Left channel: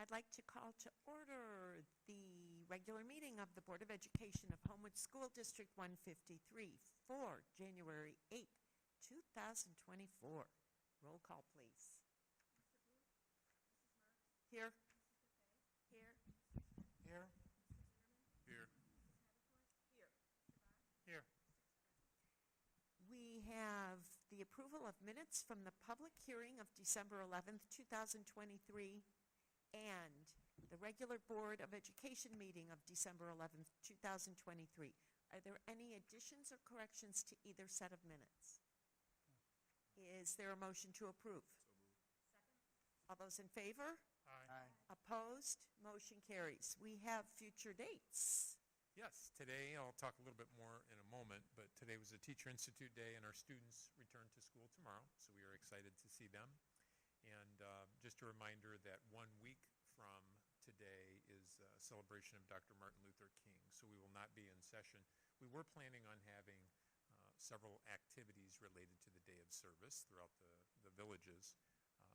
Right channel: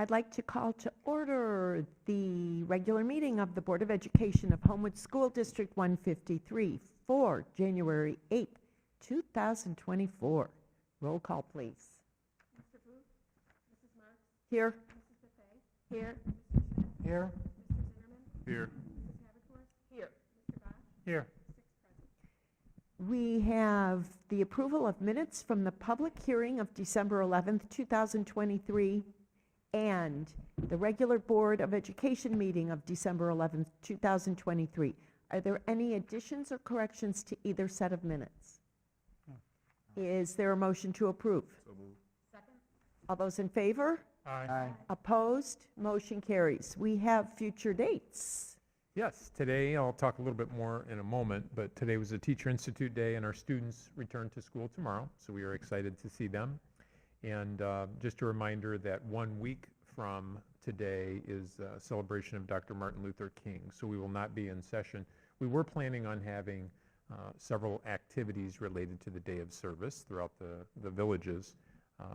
I'd like to call to order the regular meeting of the Board of Education of Homewood School District 153 for January 8th, 2024. Roll call, please. Mr. Booth? Mrs. Marks? Here. Mrs. Buffet? Here. Here. Mr. Zimmerman? Here. Mrs. Havercorn? Here. Mr. Bosch? Here. 6 present. We have the approval of minutes from the public hearing of December 11th, 2023, and the regular Board of Education meeting of December 11th, 2023. Are there any additions or corrections to either set of minutes? Is there a motion to approve? So moved. Second? All those in favor? Aye. Opposed? Motion carries. We have future dates. Yes, today, I'll talk a little bit more in a moment, but today was a Teacher Institute Day, and our students return to school tomorrow, so we are excited to see them. And just a reminder that 1 week from today is a celebration of Dr. Martin Luther King, so we will not be in session. We were planning on having several activities related to the day of service throughout the villages,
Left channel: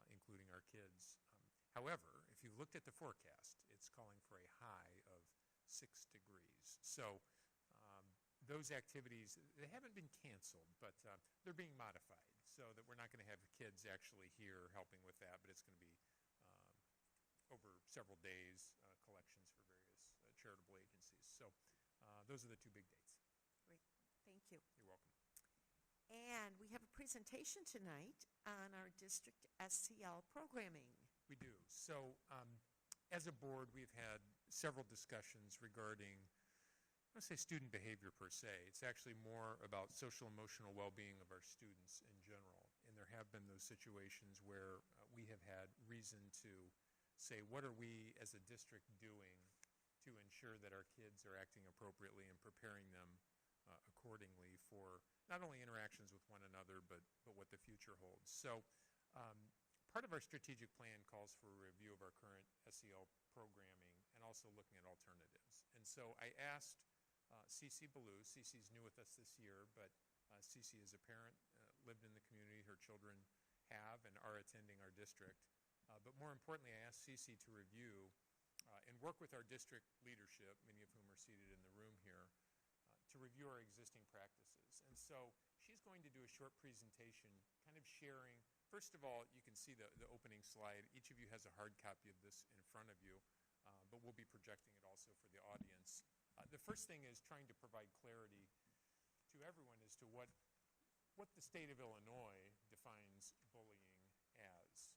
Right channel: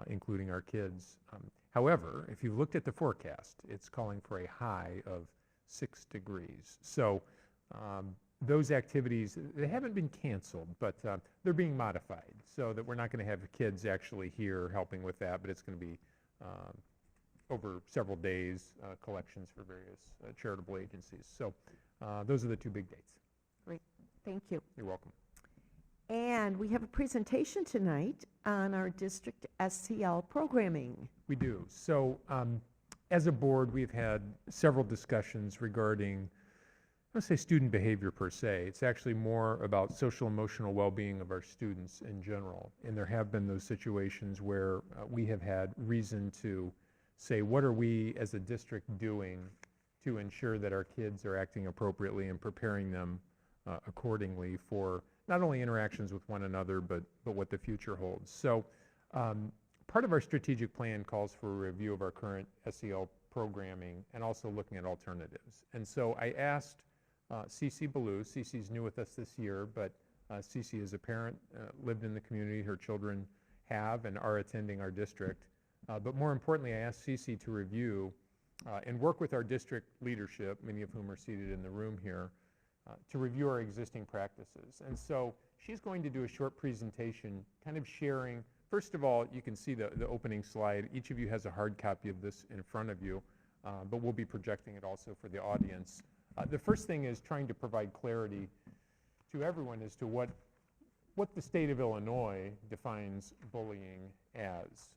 including our kids. However, if you've looked at the forecast, it's calling for a high of 6 degrees. So those activities, they haven't been canceled, but they're being modified so that we're not going to have kids actually here helping with that, but it's going to be over several days, collections for various charitable agencies. So those are the 2 big dates. Great, thank you. You're welcome. And we have a presentation tonight on our district SCL programming. We do. So as a board, we've had several discussions regarding, let's say, student behavior per se. It's actually more about social emotional well-being of our students in general. And there have been those situations where we have had reason to say, what are we as a district doing to ensure that our kids are acting appropriately and preparing them accordingly for not only interactions with one another, but what the future holds. So part of our strategic plan calls for a review of our current SEL programming and also looking at alternatives. And so I asked Cece Ballou. Cece's new with us this year, but Cece is a parent, lived in the community. Her children have and are attending our district. But more importantly, I asked Cece to review and work with our district leadership, many of whom are seated in the room here, to review our existing practices. And so she's going to do a short presentation kind of sharing. First of all, you can see the opening slide. Each of you has a hard copy of this in front of you, but we'll be projecting it also for the audience. The first thing is trying to provide clarity to everyone as to what the state of Illinois defines bullying as.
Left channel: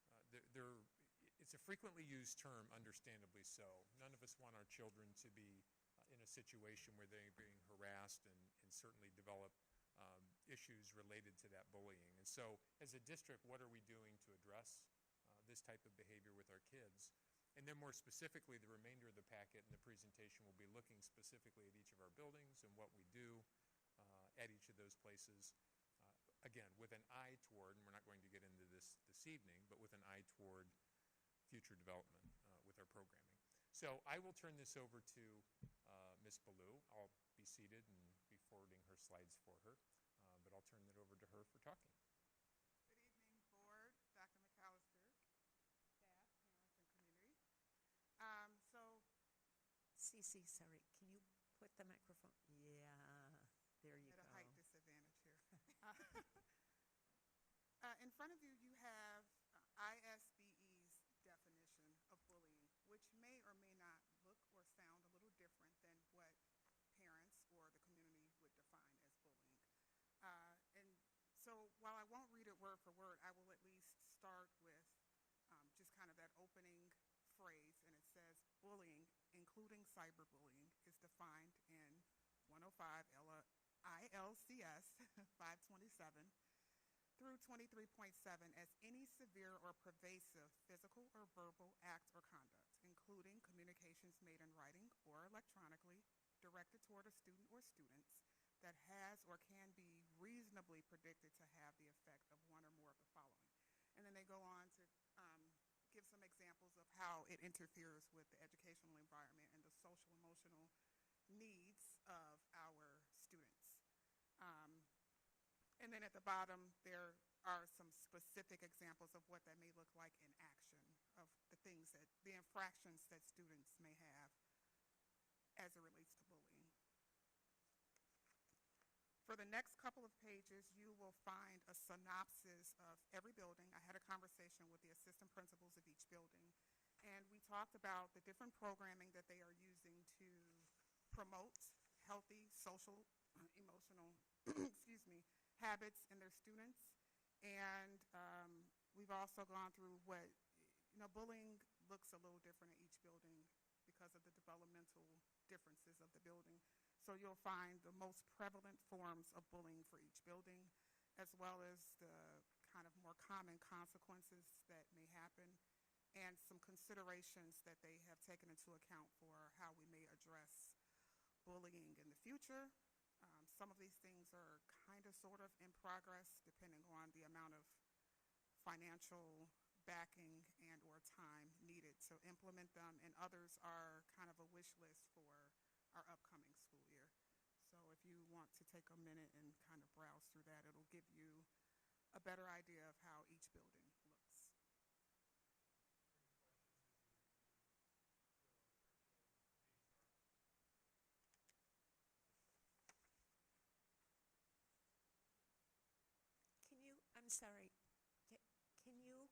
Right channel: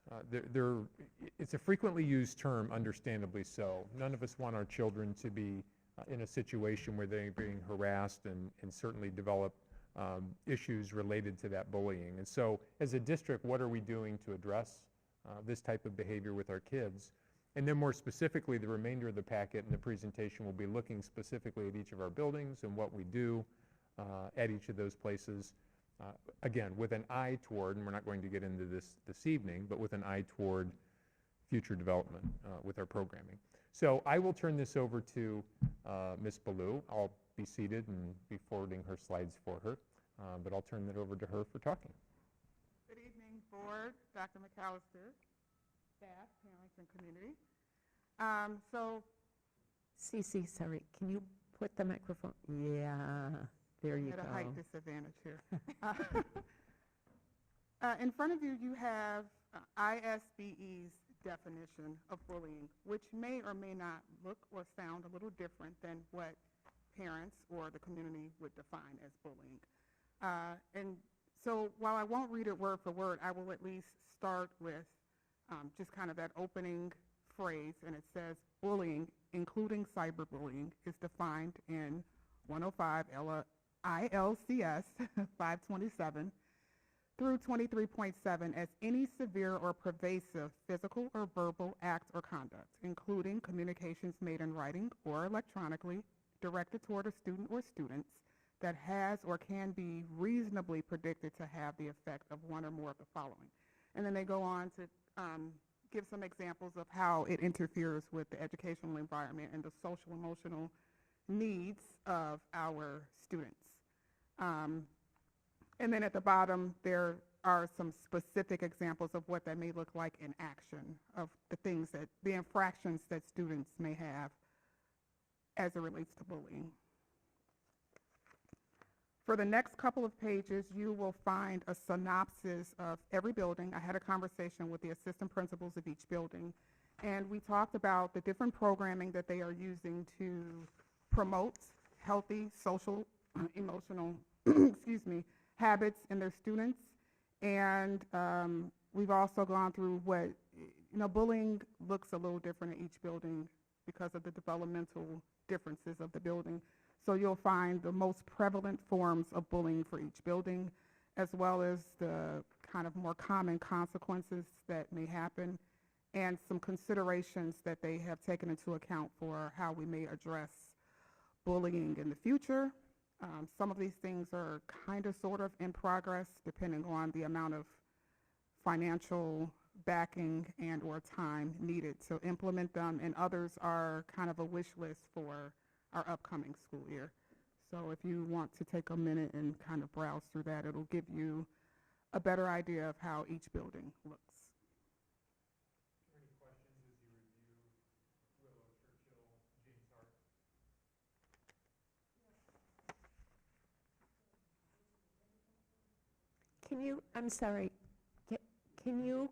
It's a frequently used term, understandably so. None of us want our children to be in a situation where they're being harassed and certainly develop issues related to that bullying. And so as a district, what are we doing to address this type of behavior with our kids? And then more specifically, the remainder of the packet and the presentation will be looking specifically at each of our buildings and what we do at each of those places. Again, with an eye toward, and we're not going to get into this evening, but with an eye toward future development with our programming. So I will turn this over to Ms. Ballou. I'll be seated and be forwarding her slides for her, but I'll turn it over to her for talking. Good evening, Board, Dr. McAllister, staff, parents, and community. Cece, sorry, can you put the microphone? Yeah, there you At go. a height disadvantage here. In front of you, you have ISBE's definition of bullying, which may or may not look or sound a little different than what parents or the community would define as bullying. And so while I won't read it word for word, I will at least start with just kind of that opening phrase, and it says, bullying, including cyberbullying, is defined in 105 ILCS 527 through 23.7 as any severe or pervasive physical or verbal act or conduct, including communications made in writing or electronically directed toward a student or students that has or can be reasonably predicted to have the effect of one or more of the following. And then they go on to give some examples of how it interferes with the educational environment and the social emotional needs of our students. And then at the bottom, there are some specific examples of what that may look like in action, of the infractions that students may have as it relates to bullying. For the next couple of pages, you will find a synopsis of every building. I had a conversation with the assistant principals of each building, and we talked about the different programming that they are using to promote healthy social, emotional, habits in their students. And we've also gone through bullying looks a little different in each building because of the developmental differences of the building. So you'll find the most prevalent forms of bullying for each building, as well as the kind of more common consequences that may happen, and some considerations that they have taken into account for how we may address bullying in the future. Some of these things are kind of sort of in progress, depending on the amount of financial backing and or time needed to implement them, and others are kind of a wish list for our upcoming school year. So if you want to take a minute and kind of browse through that, it'll give you a better idea of how each building looks. Can you, I'm sorry, can you,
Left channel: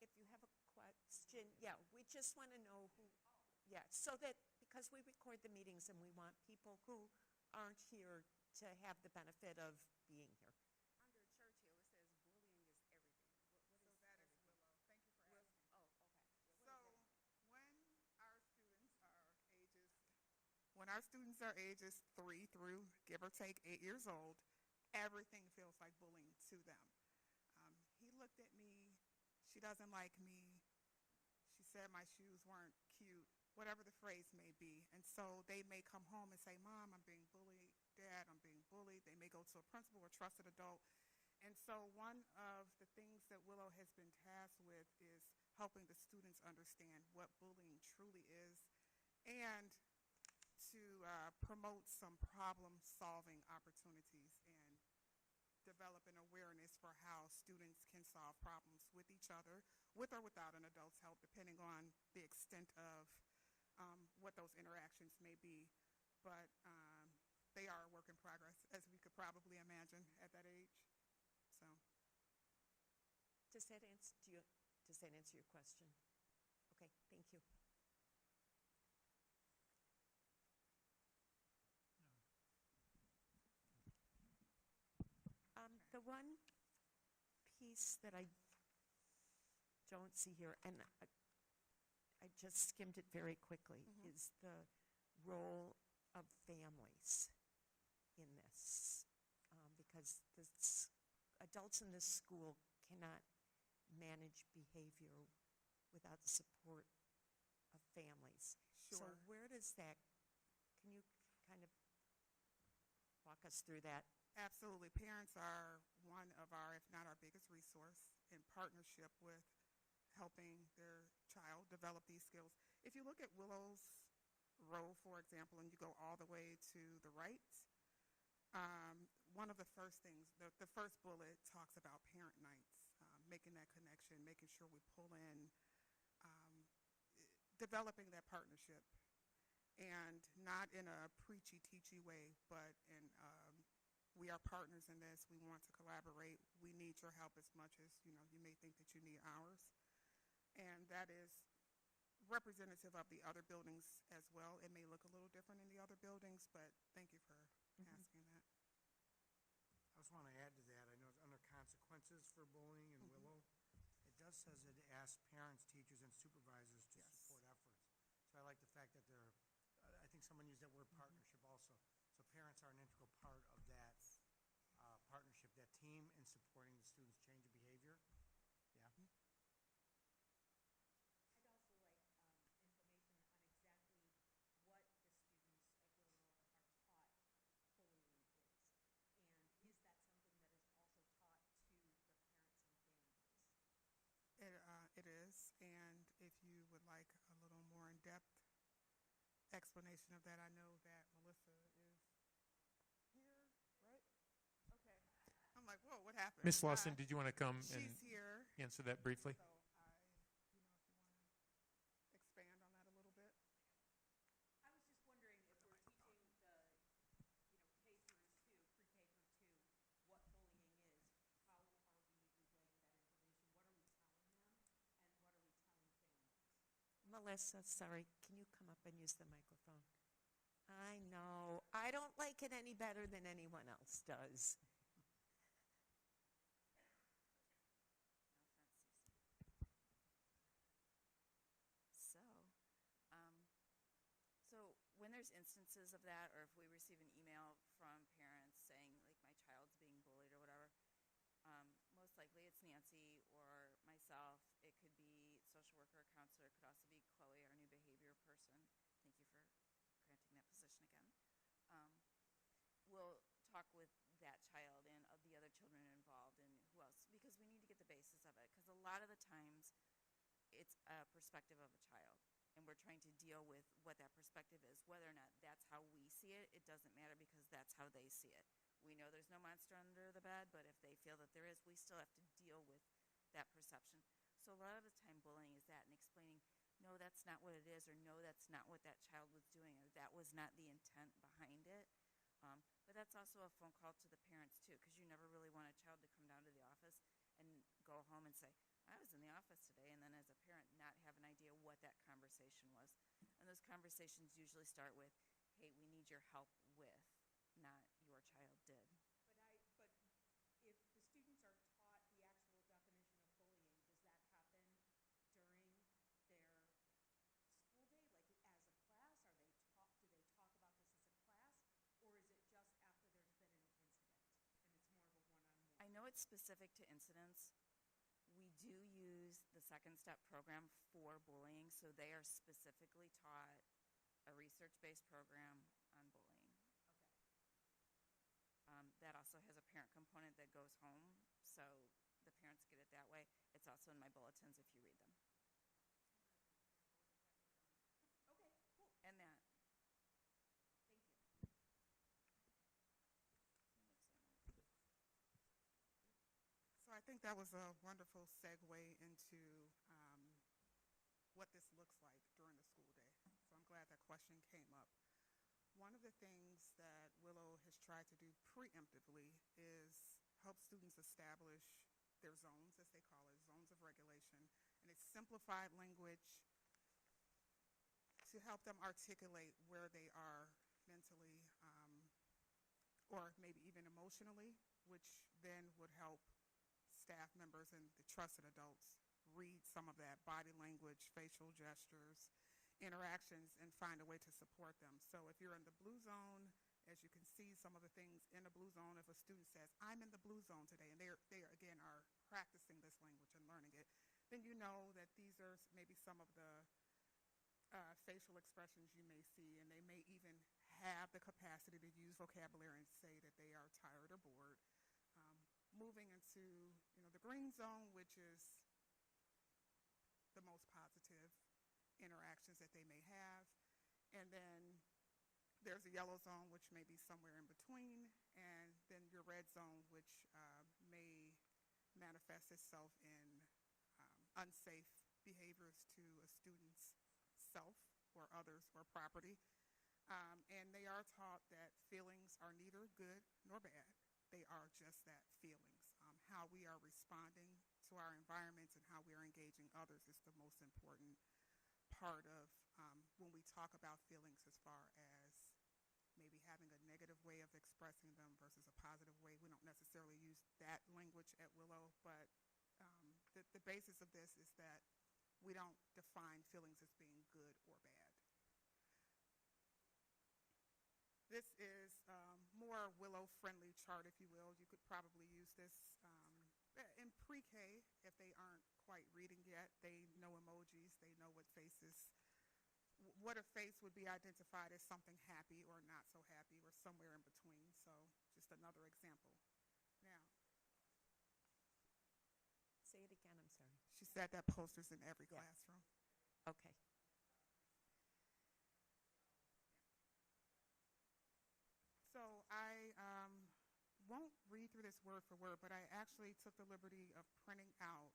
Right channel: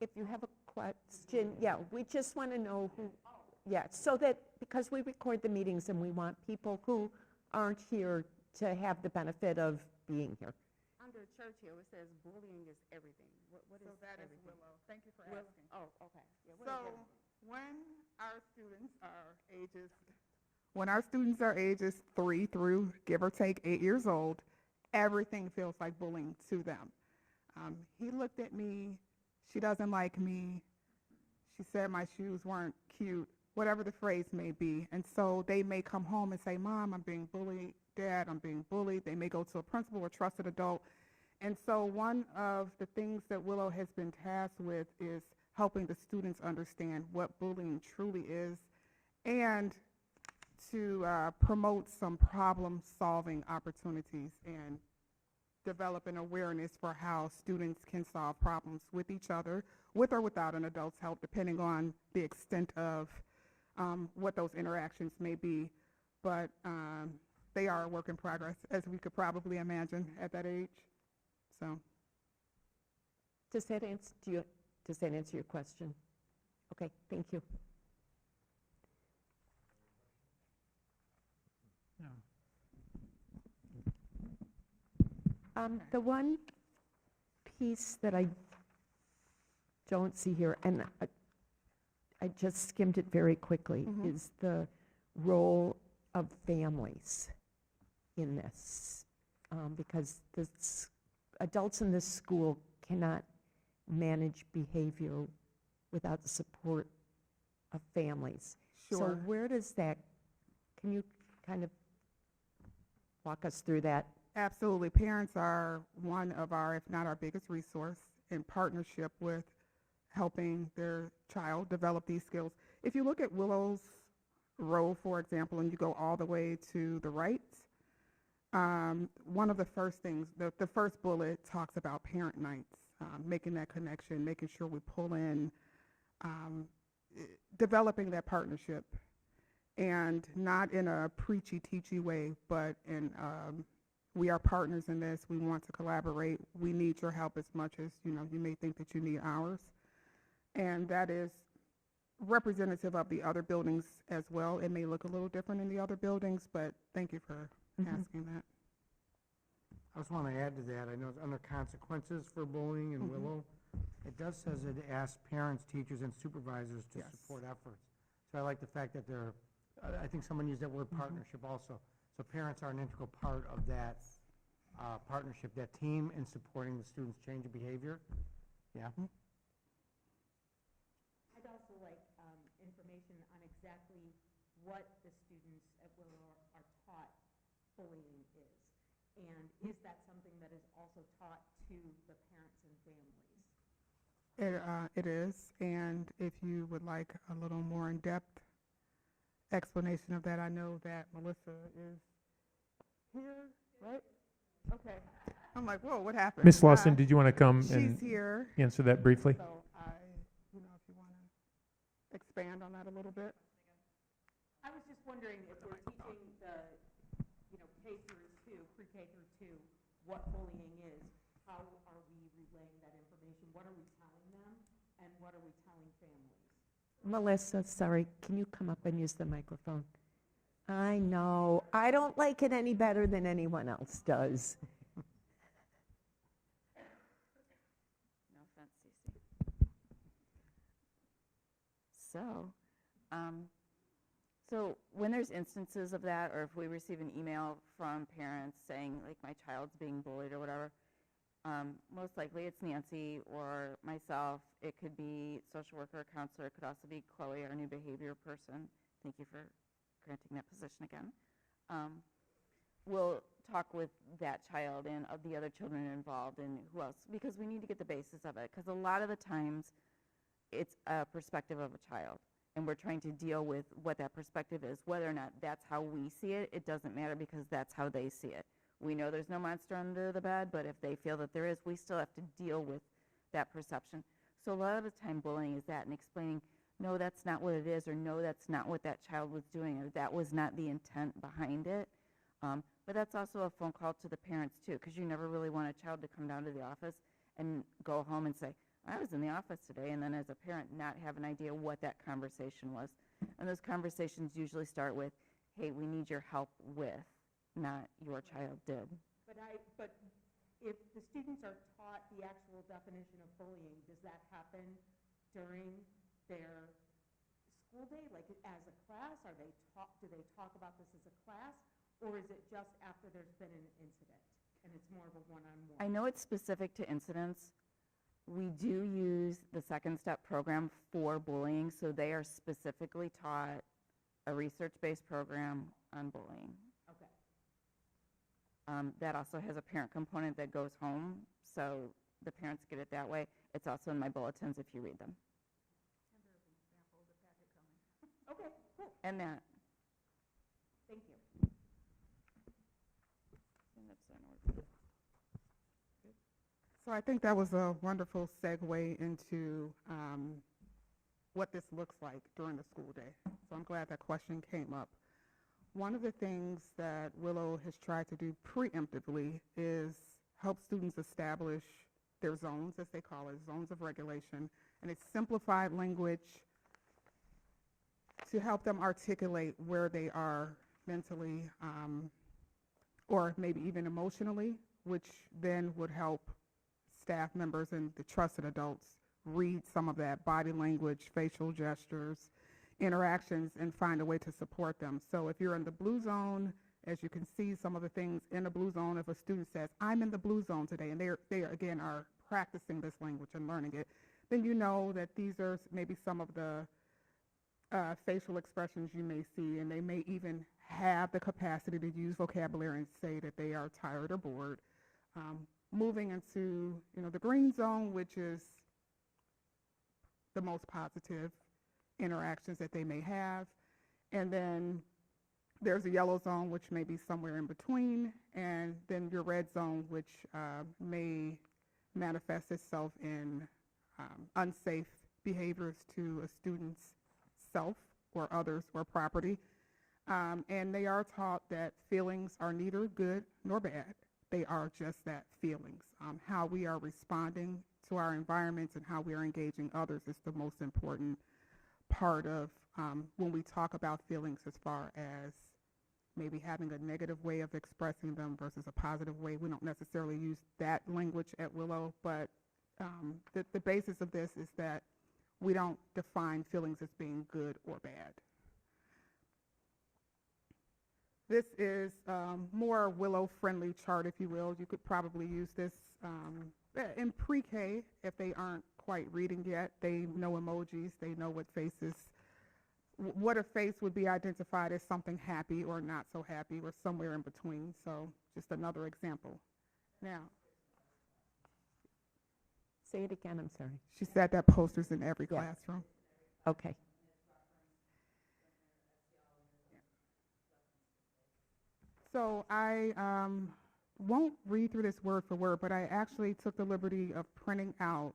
if you have a question, yeah, we just want to know who, yeah, so that, because we record the meetings and we want people who aren't here to have the benefit of being here. Under Churchill, it says bullying is everything. What is So that is everything? Willow. Thank you for Will- asking. Oh, okay. Yeah, what is So everything? when our students are ages 3 through, give or take, 8 years old, everything feels like bullying to them. He looked at me, she doesn't like me, she said my shoes weren't cute, whatever the phrase may be. And so they may come home and say, Mom, I'm being bullied. Dad, I'm being bullied. They may go to a principal or trusted adult. And so one of the things that Willow has been tasked with is helping the students understand what bullying truly is, and to promote some problem-solving opportunities and develop an awareness for how students can solve problems with each other, with or without an adult's help, depending on the extent of what those interactions may be. But they are a work in progress, as we could probably imagine at that age. So, Does that answer your question? Okay, thank you. The one piece that I don't see here, and I just skimmed it very quickly, Mhm. is the role of families in this. Because adults in this school cannot manage behavior without the support of families. So sure. where does that, can you kind of walk us through that? Absolutely. Parents are one of our, if not our biggest resource, in partnership with helping their child develop these skills. If you look at Willow's role, for example, and you go all the way to the right, one of the first things, the first bullet talks about parent nights, making that connection, making sure we pull in, developing that partnership, and not in a preachy, teachy way, but in we are partners in this. We want to collaborate. We need your help as much as, you may think that you need ours. And that is representative of the other buildings as well. It may look a little different in the other buildings, but thank you for asking that. I just want to add to that, I know it's under consequences for bullying in Willow, it does says it asks parents, teachers, and supervisors to Yes. support efforts. So I like the fact that they're, I think someone used that word partnership also. So parents are an integral part of that partnership, that team in supporting the students' change of behavior. Yeah. I'd also like information on exactly what the students at Willow are taught bullying is. And is that something that is also taught to the parents and families? It is, and if you would like a little more in-depth explanation of that, I know that Melissa is here, right? Okay. I'm like, whoa, what happened? Ms. Lawson, did you want to come She's and here, answer that briefly? so if you want to expand on that a little bit. I was just wondering if we're teaching the, K through 2, pre-K through 2, what bullying is, how are we relaying that information? What are we telling them, and what are we telling families? Melissa, sorry, can you come up and use the microphone? I know, I don't like it any better than anyone else does. No offense, Cece. So when there's instances of that, or if we receive an email from parents saying, like, my child's being bullied or whatever, most likely it's Nancy or myself. It could be social worker or counselor. It could also be Chloe, our new behavior person. Thank you for granting that position again. We'll talk with that child and of the other children involved and who else, because we need to get the basis of it. Because a lot of the times it's a perspective of a child, and we're trying to deal with what that perspective is. Whether or not that's how we see it, it doesn't matter, because that's how they see it. We know there's no monster under the bed, but if they feel that there is, we still have to deal with that perception. So a lot of the time bullying is that, and explaining, no, that's not what it is, or no, that's not what that child was doing, or that was not the intent behind it. But that's also a phone call to the parents too, because you never really want a child to come down to the office and go home and say, I was in the office today, and then as a parent not have an idea what that conversation was. And those conversations usually start with, hey, we need your help with, not your child did. But if the students are taught the actual definition of bullying, does that happen during their school day, like as a class? Do they talk about this as a class, or is it just after there's been an incident and it's more of a one-on-one? I know it's specific to incidents. We do use the Second Step program for bullying, so they are specifically taught a research-based program on bullying. Okay. That also has a parent component that goes home, so the parents get it that way. It's also in my bulletins if you read them. Okay, cool. And that. Thank you. And that's an order. So I think that was a wonderful segue into what this looks like during the school day. So I'm glad that question came up. One of the things that Willow has tried to do preemptively is help students establish their zones, as they call it, zones of regulation, and it's simplified language to help them articulate where they are mentally or maybe even emotionally, which then would help staff members and the trusted adults read some of that body language, facial gestures, interactions, and find a way to support them. So if you're in the blue zone, as you can see some of the things in the blue zone, if a student says, I'm in the blue zone today, and they again are practicing this language and learning it, then you know that these are maybe some of the facial expressions you may see, and they may even have the capacity to use vocabulary and say that they are tired or bored. Moving into the green zone, which is the most positive interactions that they may have, and then there's a yellow zone, which may be somewhere in between, and then your red zone, which may manifest itself in unsafe behaviors to a student's self or others or property. And they are taught that feelings are neither good nor bad. They are just that, feelings. How we are responding to our environments and how we are engaging others is the most important part of when we talk about feelings, as far as maybe having a negative way of expressing them versus a positive way. We don't necessarily use that language at Willow, but the basis of this is that we don't define feelings as being good or bad. This is more Willow-friendly chart, if you will. You could probably use this in pre-K if they aren't quite reading yet. They know emojis. They know what faces, what a face would be identified as something happy or not so happy or somewhere in between. So just another example. Now, Say it again, I'm sorry. she said that posters in every Yeah. classroom. Okay. So I won't read through this word for word, but I actually took the liberty of printing out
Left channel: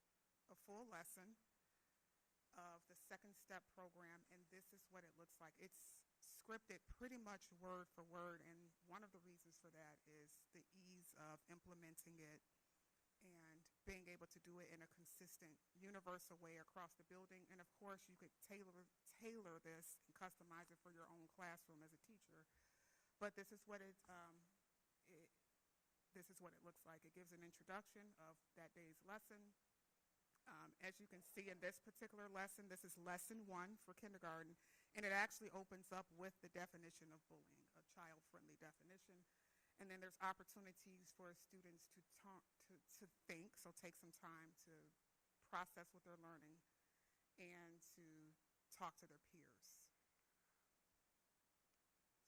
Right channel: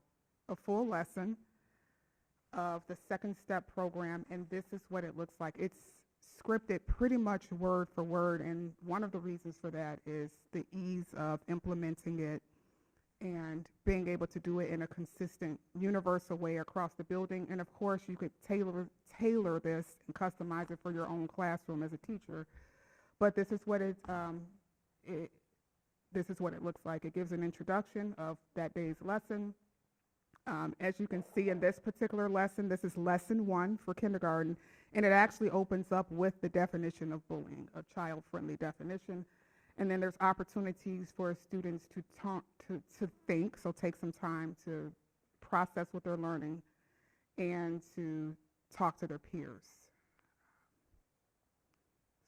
a full lesson of the second step program, and this is what it looks like. It's scripted pretty much word for word, and one of the reasons for that is the ease of implementing it and being able to do it in a consistent, universal way across the building. And of course, you could tailor this and customize it for your own classroom as a teacher. But this is what this is what it looks like. It gives an introduction of that day's lesson. As you can see in this particular lesson, this is lesson 1 for kindergarten, and it actually opens up with the definition of bullying, a child-friendly definition. And then there's opportunities for students to think, so take some time to process what they're learning and to talk to their peers.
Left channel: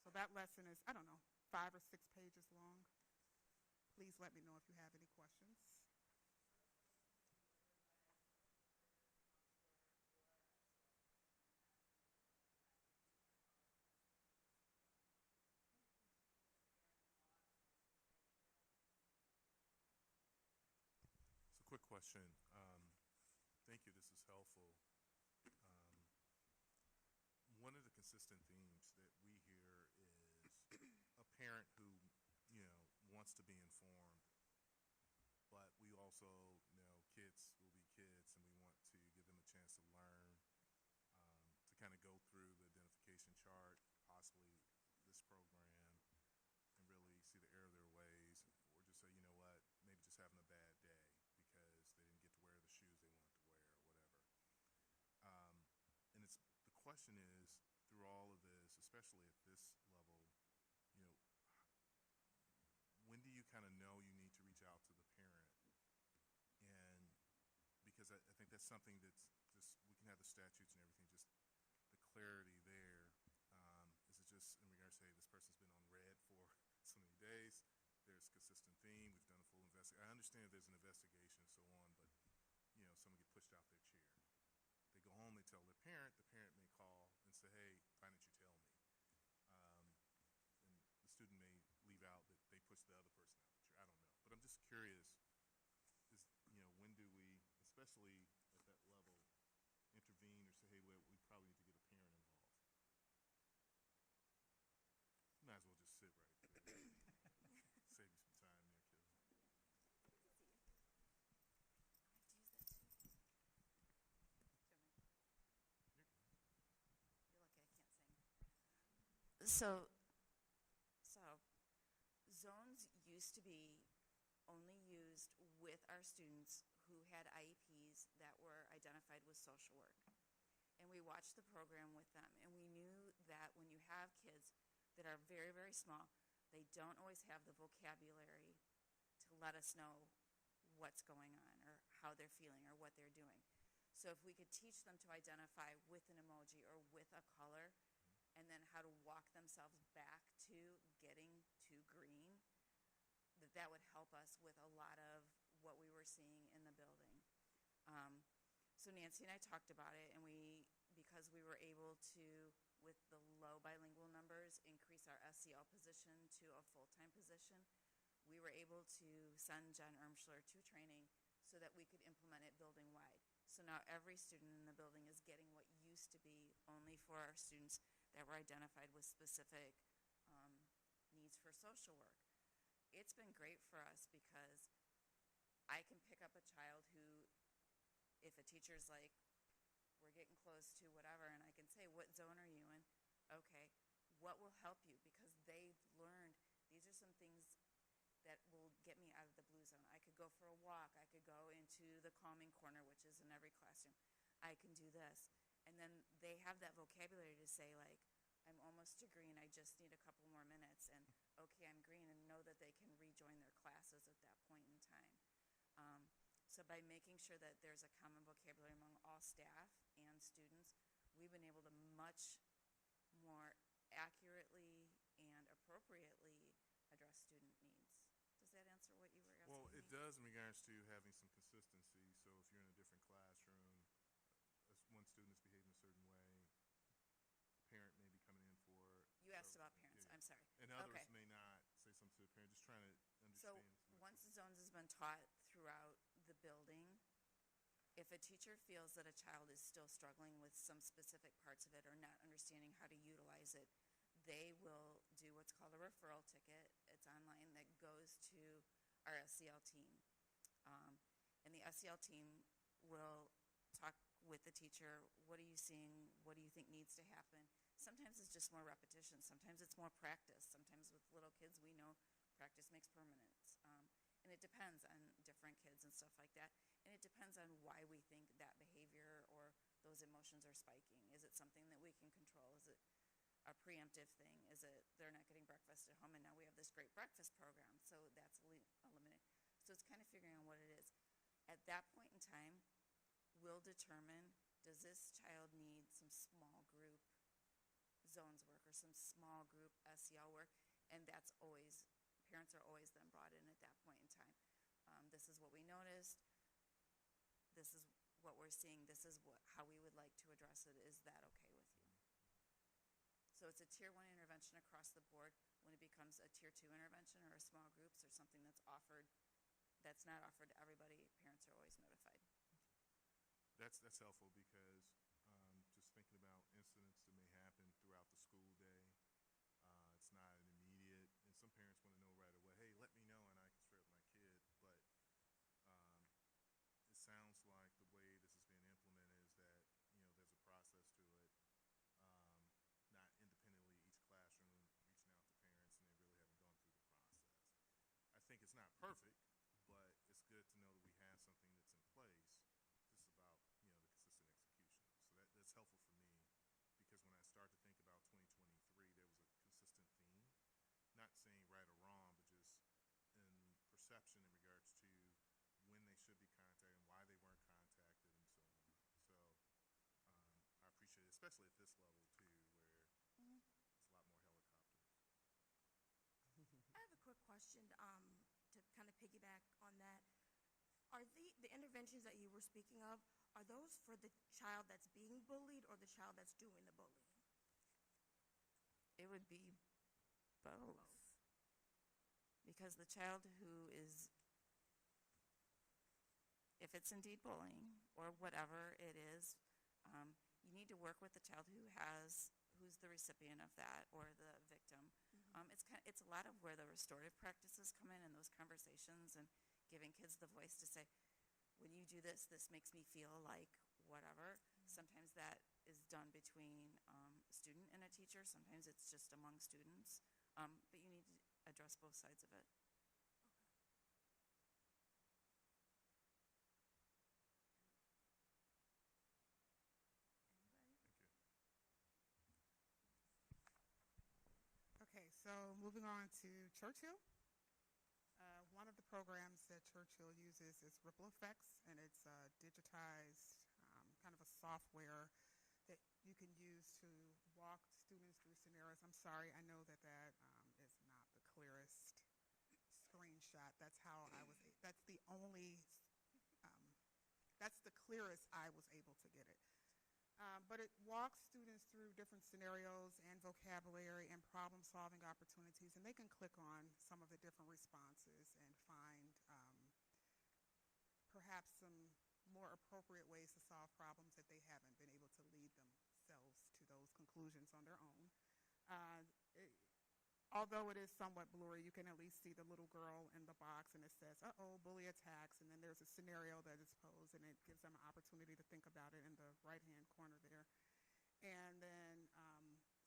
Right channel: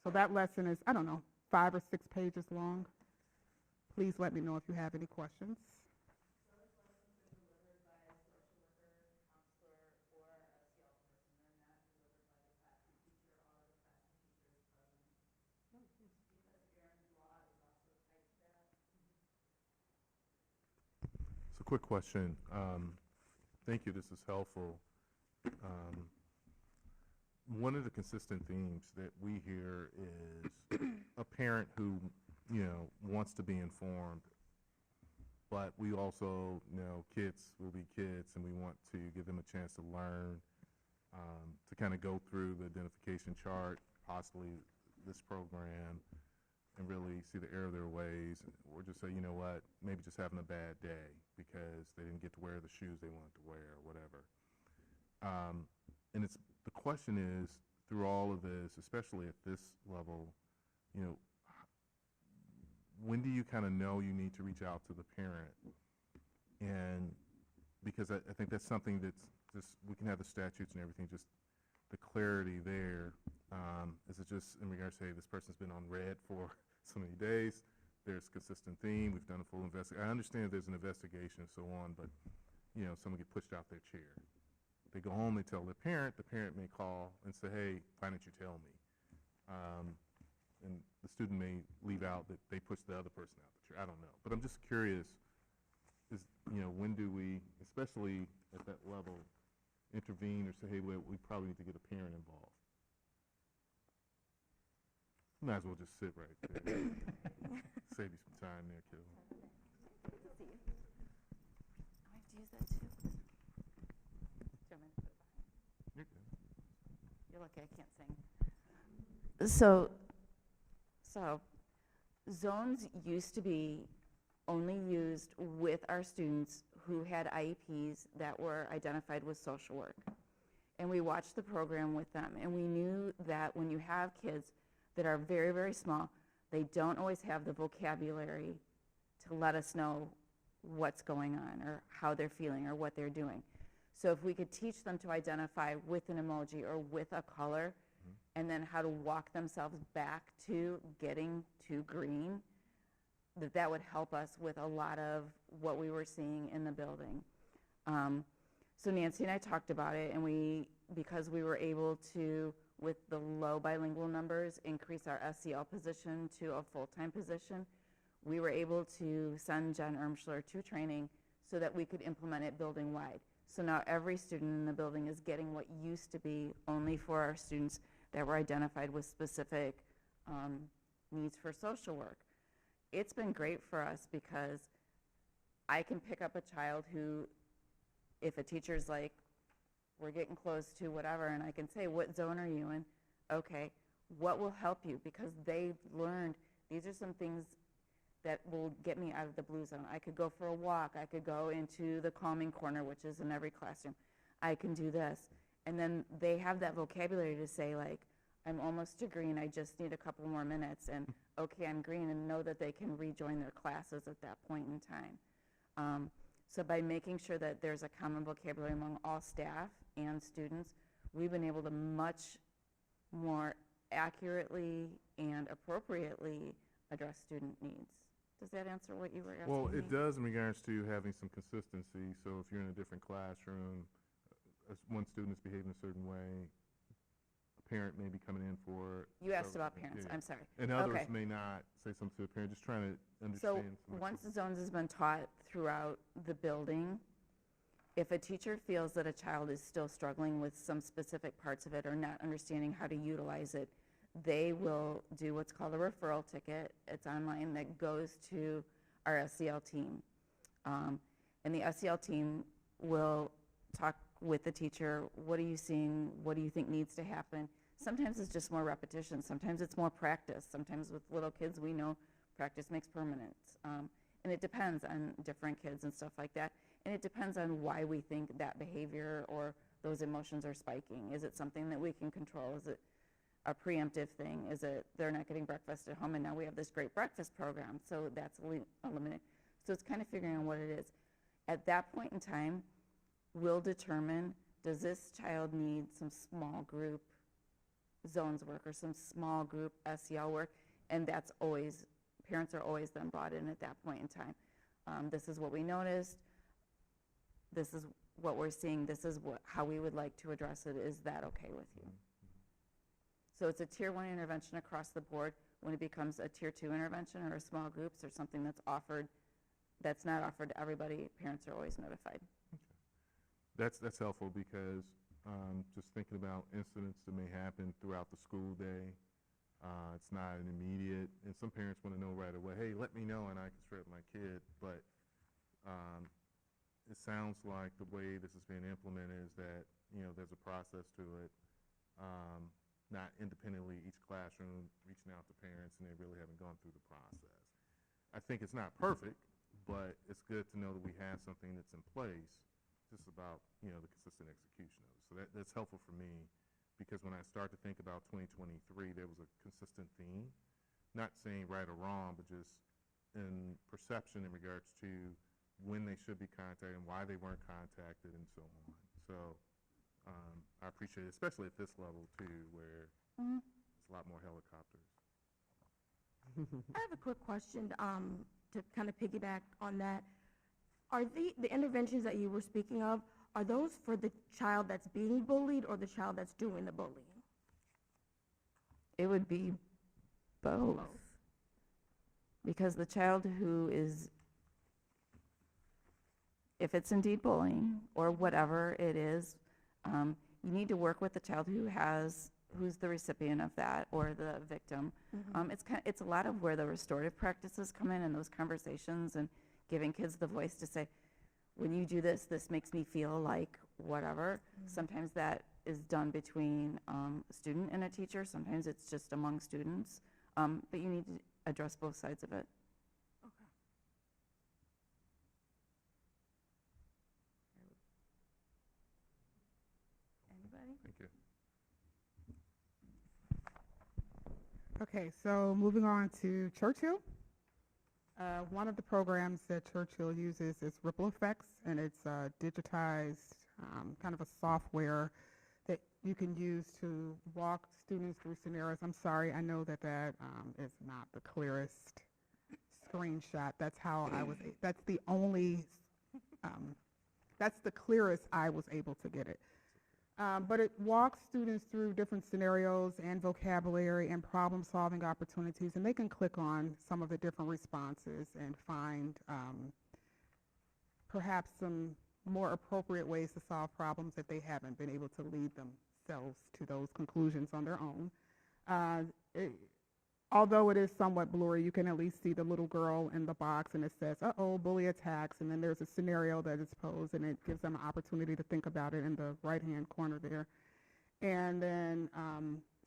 So that lesson is, I don't know, 5 or 6 pages long. Please let me know if you have any questions. So quick question. Thank you, this is helpful. One of the consistent themes that we hear is a parent who, wants to be informed, but we also know kids will be kids and we want to give them a chance to learn, to kind of go through the identification chart, possibly this program, and really see the error of their ways, or just say, you know what, maybe just having a bad day because they didn't get to wear the shoes they wanted to wear or whatever. And the question is, through all of this, especially at this level, when do you kind of know you need to reach out to the parent? And because I think that's something that's just, we can have the statutes and everything, just the clarity there. Is it just in regards to, hey, this person's been on red for so many days, there's consistent theme, we've done a full investigation. I understand there's an investigation and so on, but, someone get pushed out their chair. They go home, they tell the parent may call and say, hey, why didn't you tell me? And the student may leave out that they pushed the other person out the chair. I don't know. But I'm just curious, when do we, especially at that level, intervene or say, hey, well, we probably need to get a parent involved? You might as well just sit right there. Save you some time there, kiddo. I have to use that too. Gentlemen, You're good. you're lucky I can't sing. So zones used to be only used with our students who had IEPs that were identified with social work. And we watched the program with them, and we knew that when you have kids that are very, very small, they don't always have the vocabulary to let us know what's going on or how they're feeling or what they're doing. So if we could teach them to identify with an emoji or with a color, and then how to walk themselves back to getting to green, that would help us with a lot of what we were seeing in the building. So Nancy and I talked about it, and because we were able to, with the low bilingual numbers, increase our SEL position to a full-time position, we were able to send Jen Ermschler to training so that we could implement it building-wide. So now every student in the building is getting what used to be only for our students that were identified with specific needs for social work. It's been great for us because I can pick up a child who, if a teacher's like, we're getting close to whatever, and I can say, what zone are you in? Okay, what will help you? Because they've learned these are some things that will get me out of the blue zone. I could go for a walk. I could go into the calming corner, which is in every classroom. I can do this. And then they have that vocabulary to say, like, I'm almost to green. I just need a couple more minutes. And, okay, I'm green, and know that they can rejoin their classes at that point in time. So by making sure that there's a common vocabulary among all staff and students, we've been able to much more accurately and appropriately address student needs. Does that answer what you were asking Well, me? it does in regards to having some consistency. So if you're in a different classroom, one student is behaving a certain way, a parent may be coming in for. You asked several- about parents, yeah. I'm sorry. And others Okay. may not say something to the parent, just trying to So, understand. some of once the- the zones has been taught throughout the building, if a teacher feels that a child is still struggling with some specific parts of it or not understanding how to utilize it, they will do what's called a referral ticket. It's online that goes to our SEL team. And the SEL team will talk with the teacher. What are you seeing? What do you think needs to happen? Sometimes it's just more repetition. Sometimes it's more practice. Sometimes with little kids, we know practice makes permanent. And it depends on different kids and stuff like that. And it depends on why we think that behavior or those emotions are spiking. Is it something that we can control? Is it a preemptive thing? Is it they're not getting breakfast at home and now we have this great breakfast program, so that's eliminated. So it's kind of figuring out what it is. At that point in time, we'll determine, does this child need some small group zones work or some small group SEL work? And that's always, parents are always then brought in at that point in time. This is what we noticed. This is what we're seeing. This is how we would like to address it. Is that okay with you? So it's a tier 1 intervention across the board. When it becomes a tier 2 intervention or a small groups or something that's offered, that's not offered to everybody, parents are always notified. That's helpful because just thinking about incidents that may happen throughout the school day, it's not an immediate, and some parents want to know right away, hey, let me know and I can straighten my kid, but it sounds like the way this is being implemented is that, there's a process to it, not independently each classroom reaching out to parents and they really haven't gone through the process. I think it's not perfect, but it's good to know that we have something that's in place, just about, the consistent execution of it. So that's helpful for me, because when I start to think about 2023, there was a consistent theme, not saying right or wrong, but just in perception in regards to when they should be contacted and why they weren't contacted and so on. So I appreciate it, especially at this level too, where it's a lot more helicopters. I have a quick question to kind of piggyback on that. Are the interventions that you were speaking of, are those for the child that's being bullied or the child that's doing the bullying? It would be both. Because the child who is, if it's indeed bullying or whatever it is, you need to work with the child who's the recipient of that or the victim. It's a lot of where the restorative practices come in and those conversations and giving kids the voice to say, when you do this, this makes me feel like whatever. Sometimes that is done between a student and a teacher. Sometimes it's just among students. But you need to address both sides of it. Anybody? Thank you. Okay, so moving on to Churchill. One of the programs that Churchill uses is Ripple Effects, and it's digitized kind of a software that you can use to walk students through scenarios. I'm sorry, I know that is not the clearest screenshot. That's how that's the only, that's the clearest I was able to get it. But it walks students through different scenarios and vocabulary and problem-solving opportunities, and they can click on some of the different responses and find perhaps some more appropriate ways to solve problems that they haven't been able to lead themselves to those conclusions on their own. Although it is somewhat blurry, you can at least see the little girl in the box, and it says, uh-oh, bully attacks, and then there's a scenario that is posed, and it gives them an opportunity to think about it in the right-hand corner there. And then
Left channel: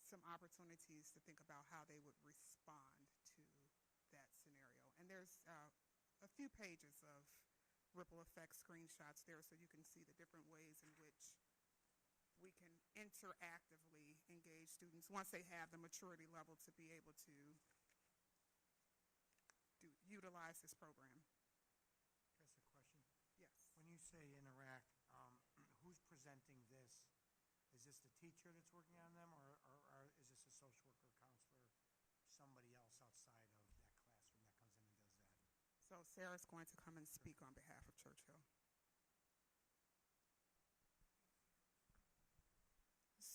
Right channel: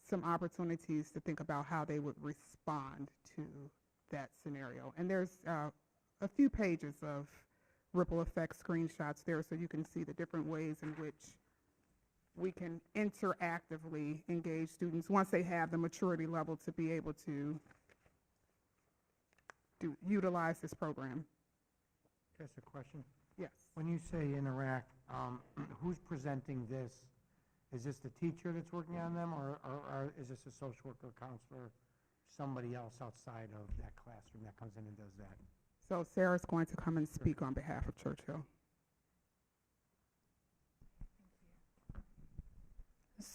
some opportunities to think about how they would respond to that scenario. And there's a few pages of ripple effect screenshots there, so you can see the different ways in which we can interactively engage students once they have the maturity level to be able to utilize this program. Just a question. Yes. When you say interact, who's presenting this? Is this the teacher that's working on them, or is this a social worker, counselor, somebody else outside of that classroom that comes in and does that? So Sarah's going to come and speak on behalf of Churchill.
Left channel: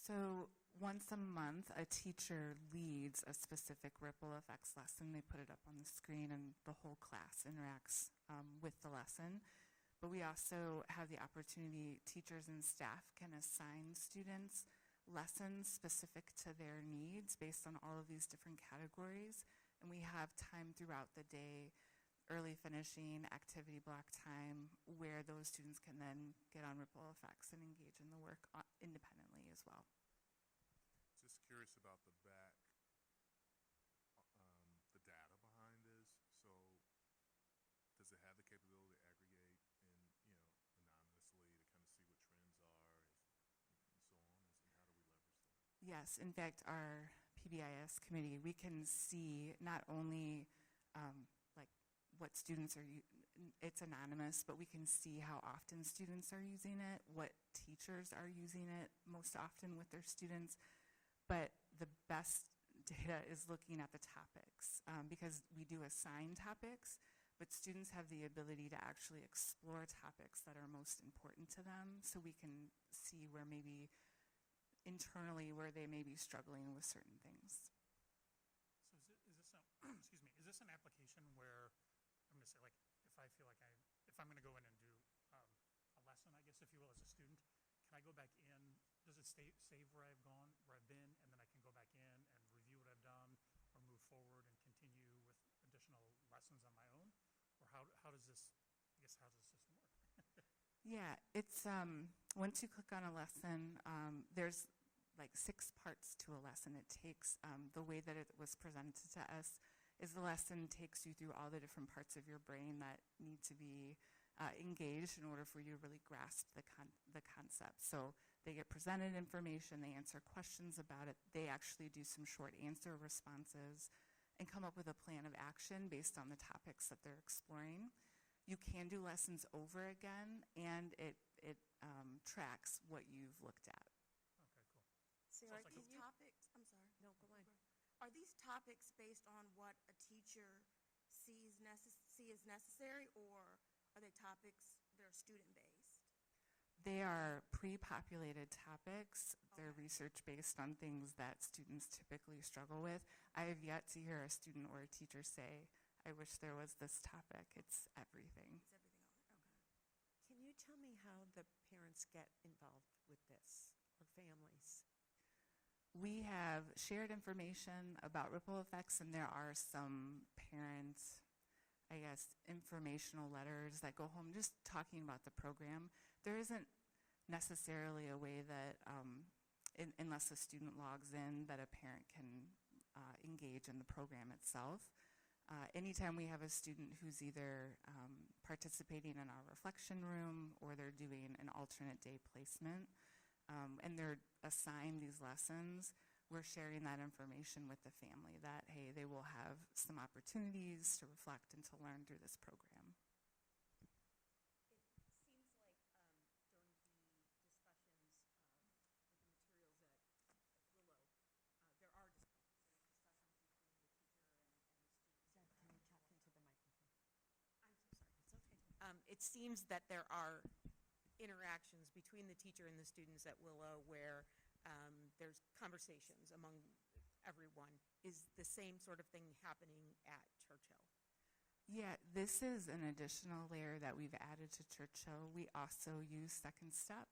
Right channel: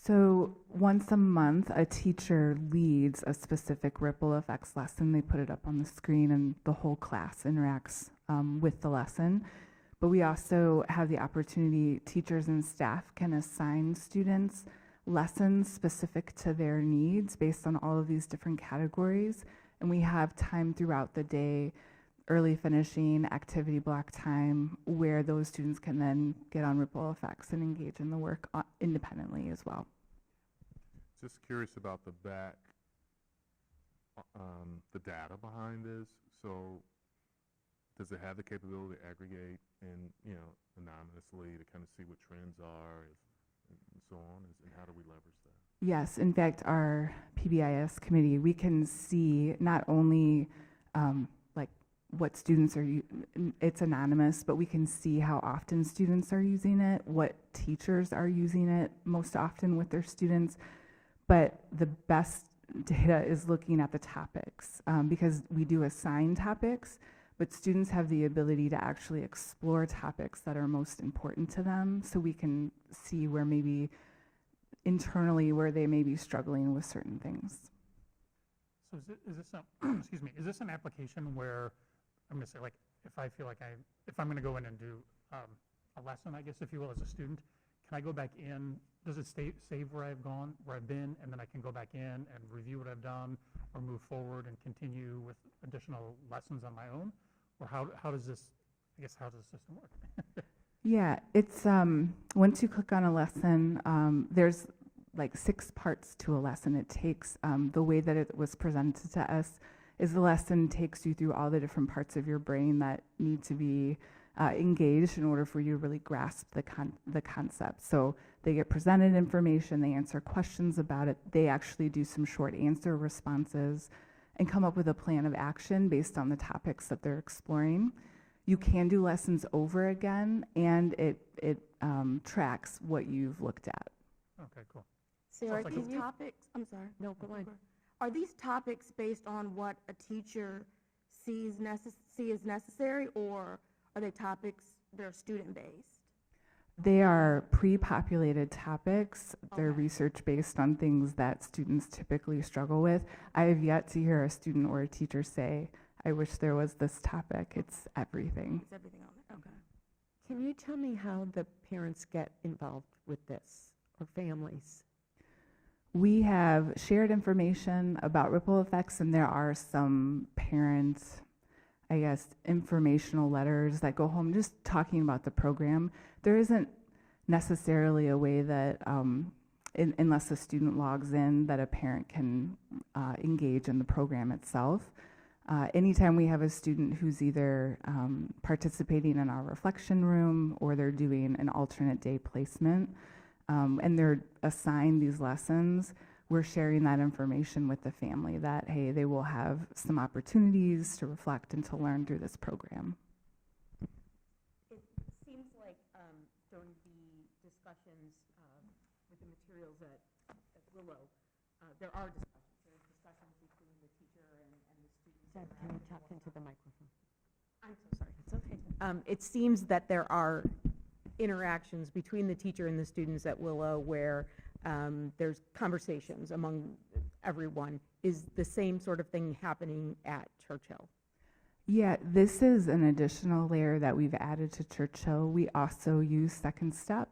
So once a month, a teacher leads a specific ripple effects lesson. They put it up on the screen, and the whole class interacts with the lesson. But we also have the opportunity, teachers and staff can assign students lessons specific to their needs based on all of these different categories. And we have time throughout the day, early finishing, activity block time, where those students can then get on ripple effects and engage in the work independently as well. Just curious about the the data behind this. So does it have the capability to aggregate and, anonymously to kind of see what trends are and so on? And how do we leverage that? Yes, in fact, our PBIS committee, we can see not only like what students are, it's anonymous, but we can see how often students are using it, what teachers are using it most often with their students. But the best data is looking at the topics, because we do assign topics, but students have the ability to actually explore topics that are most important to them, so we can see where maybe internally where they may be struggling with certain things. So is this excuse me, is this an application where, I'm going to say, like, if I feel like if I'm going to go in and do a lesson, I guess, if you will, as a student, can I go back in? Does it save where I've gone, where I've been, and then I can go back in and review what I've done, or move forward and continue with additional lessons on my own? Or how does this, I guess, how does the system work? Yeah, it's once you click on a lesson, there's like 6 parts to a lesson. It takes the way that it was presented to us is the lesson takes you through all the different parts of your brain that need to be engaged in order for you to really grasp the concept. So they get presented information, they answer questions about it, they actually do some short answer responses and come up with a plan of action based on the topics that they're exploring. You can do lessons over again, and it tracks what you've looked at. Okay, cool. Sarah, like these topics, I'm sorry. No, go on. Are these topics based on what a teacher sees as necessary, or are they topics that are student-based? They are pre-populated topics. They're Okay. research-based on things that students typically struggle with. I have yet to hear a student or a teacher say, I wish there was this topic. It's everything. It's everything on it, okay. Can you tell me how the parents get involved with this, or families? We have shared information about ripple effects, and there are some parent, I guess, informational letters that go home just talking about the program. There isn't necessarily a way that, unless a student logs in, that a parent can engage in the program itself. Anytime we have a student who's either participating in our reflection room or they're doing an alternate day placement, and they're assigned these lessons, we're sharing that information with the family that, hey, they will have some opportunities to reflect and to learn through this program. It seems like during the discussions with the materials at Willow, there are discussions. There's discussions between the teacher and the students. Can you talk into the microphone? I'm so sorry. It's okay. It seems that there are interactions between the teacher and the students at Willow where there's conversations among everyone. Is the same sort of thing happening at Churchill? Yeah, this is an additional layer that we've added to Churchill. We also use Second Step.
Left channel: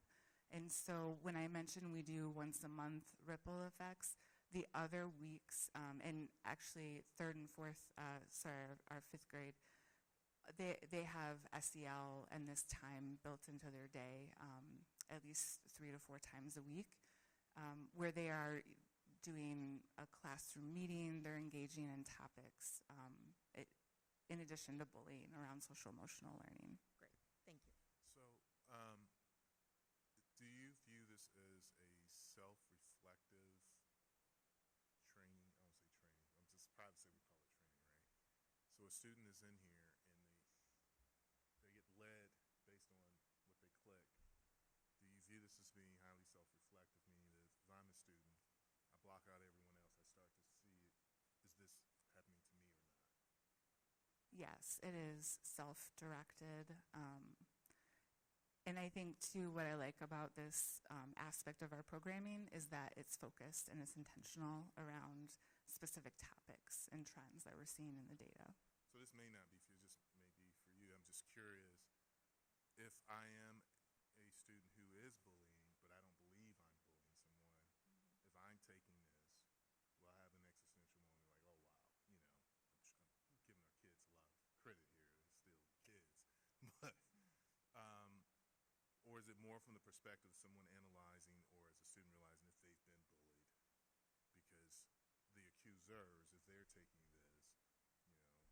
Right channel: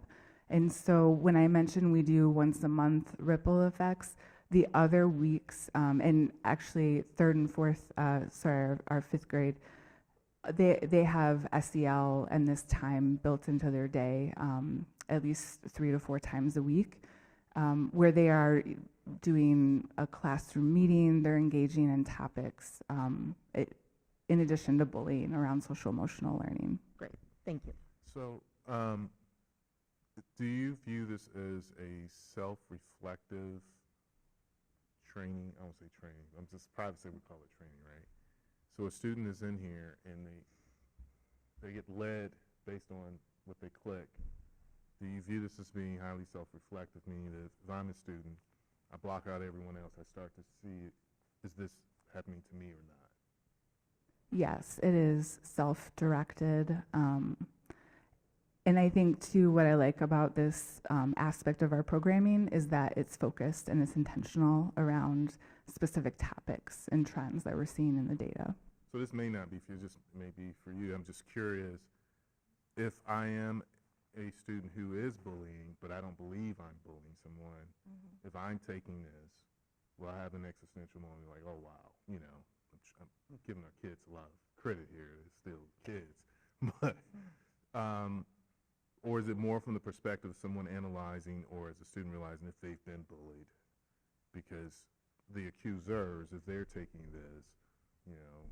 And so when I mentioned we do once a month ripple effects, the other weeks, and actually third and fourth, our 5th grade, they have SEL and this time built into their day at least 3 to 4 times a week, where they are doing a classroom meeting, they're engaging in topics in addition to bullying around social emotional learning. Great. Thank you. So, do you view this as a self-reflective training? I won't say training. I'm just proud to say we call it training, right? So a student is in here and they get led based on what they click. Do you view this as being highly self-reflective, meaning that if I'm a student, I block out everyone else, I start to see, is this happening to me or not? Yes, it is self-directed. And I think too, what I like about this aspect of our programming is that it's focused and it's intentional around specific topics and trends that we're seeing in the data. So this may not be for you, just maybe for you. I'm just curious, if I am a student who is bullying, but I don't believe I'm bullying someone, if I'm taking this, will I have an existential moment like, oh, wow, you know, I'm giving our kids a lot of credit here. They're still kids. But, or is it more from the perspective of someone analyzing, or as a student realizing if they've been bullied? Because the accusers, if they're taking this, you know,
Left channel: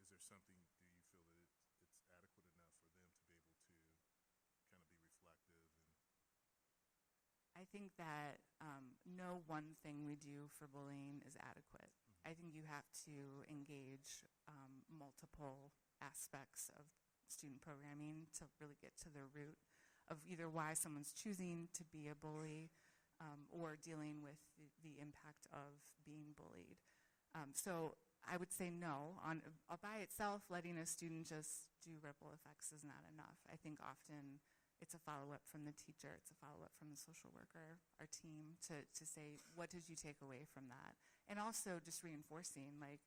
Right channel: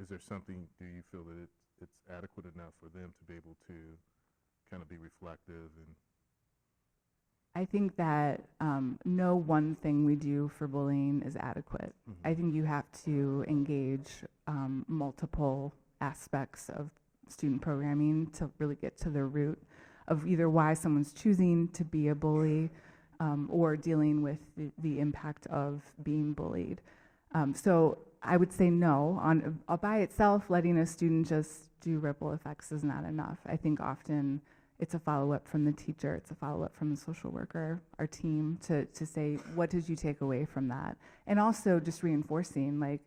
is there something, do you feel that it's adequate enough for them to be able to kind of be reflective? And I think that no one thing we do for bullying is adequate. I think you have to engage multiple aspects of student programming to really get to the root of either why someone's choosing to be a bully or dealing with the impact of being bullied. So I would say no. By itself, letting a student just do ripple effects is not enough. I think often it's a follow-up from the teacher, it's a follow-up from the social worker, our team, to say, what did you take away from that? And also just reinforcing, like,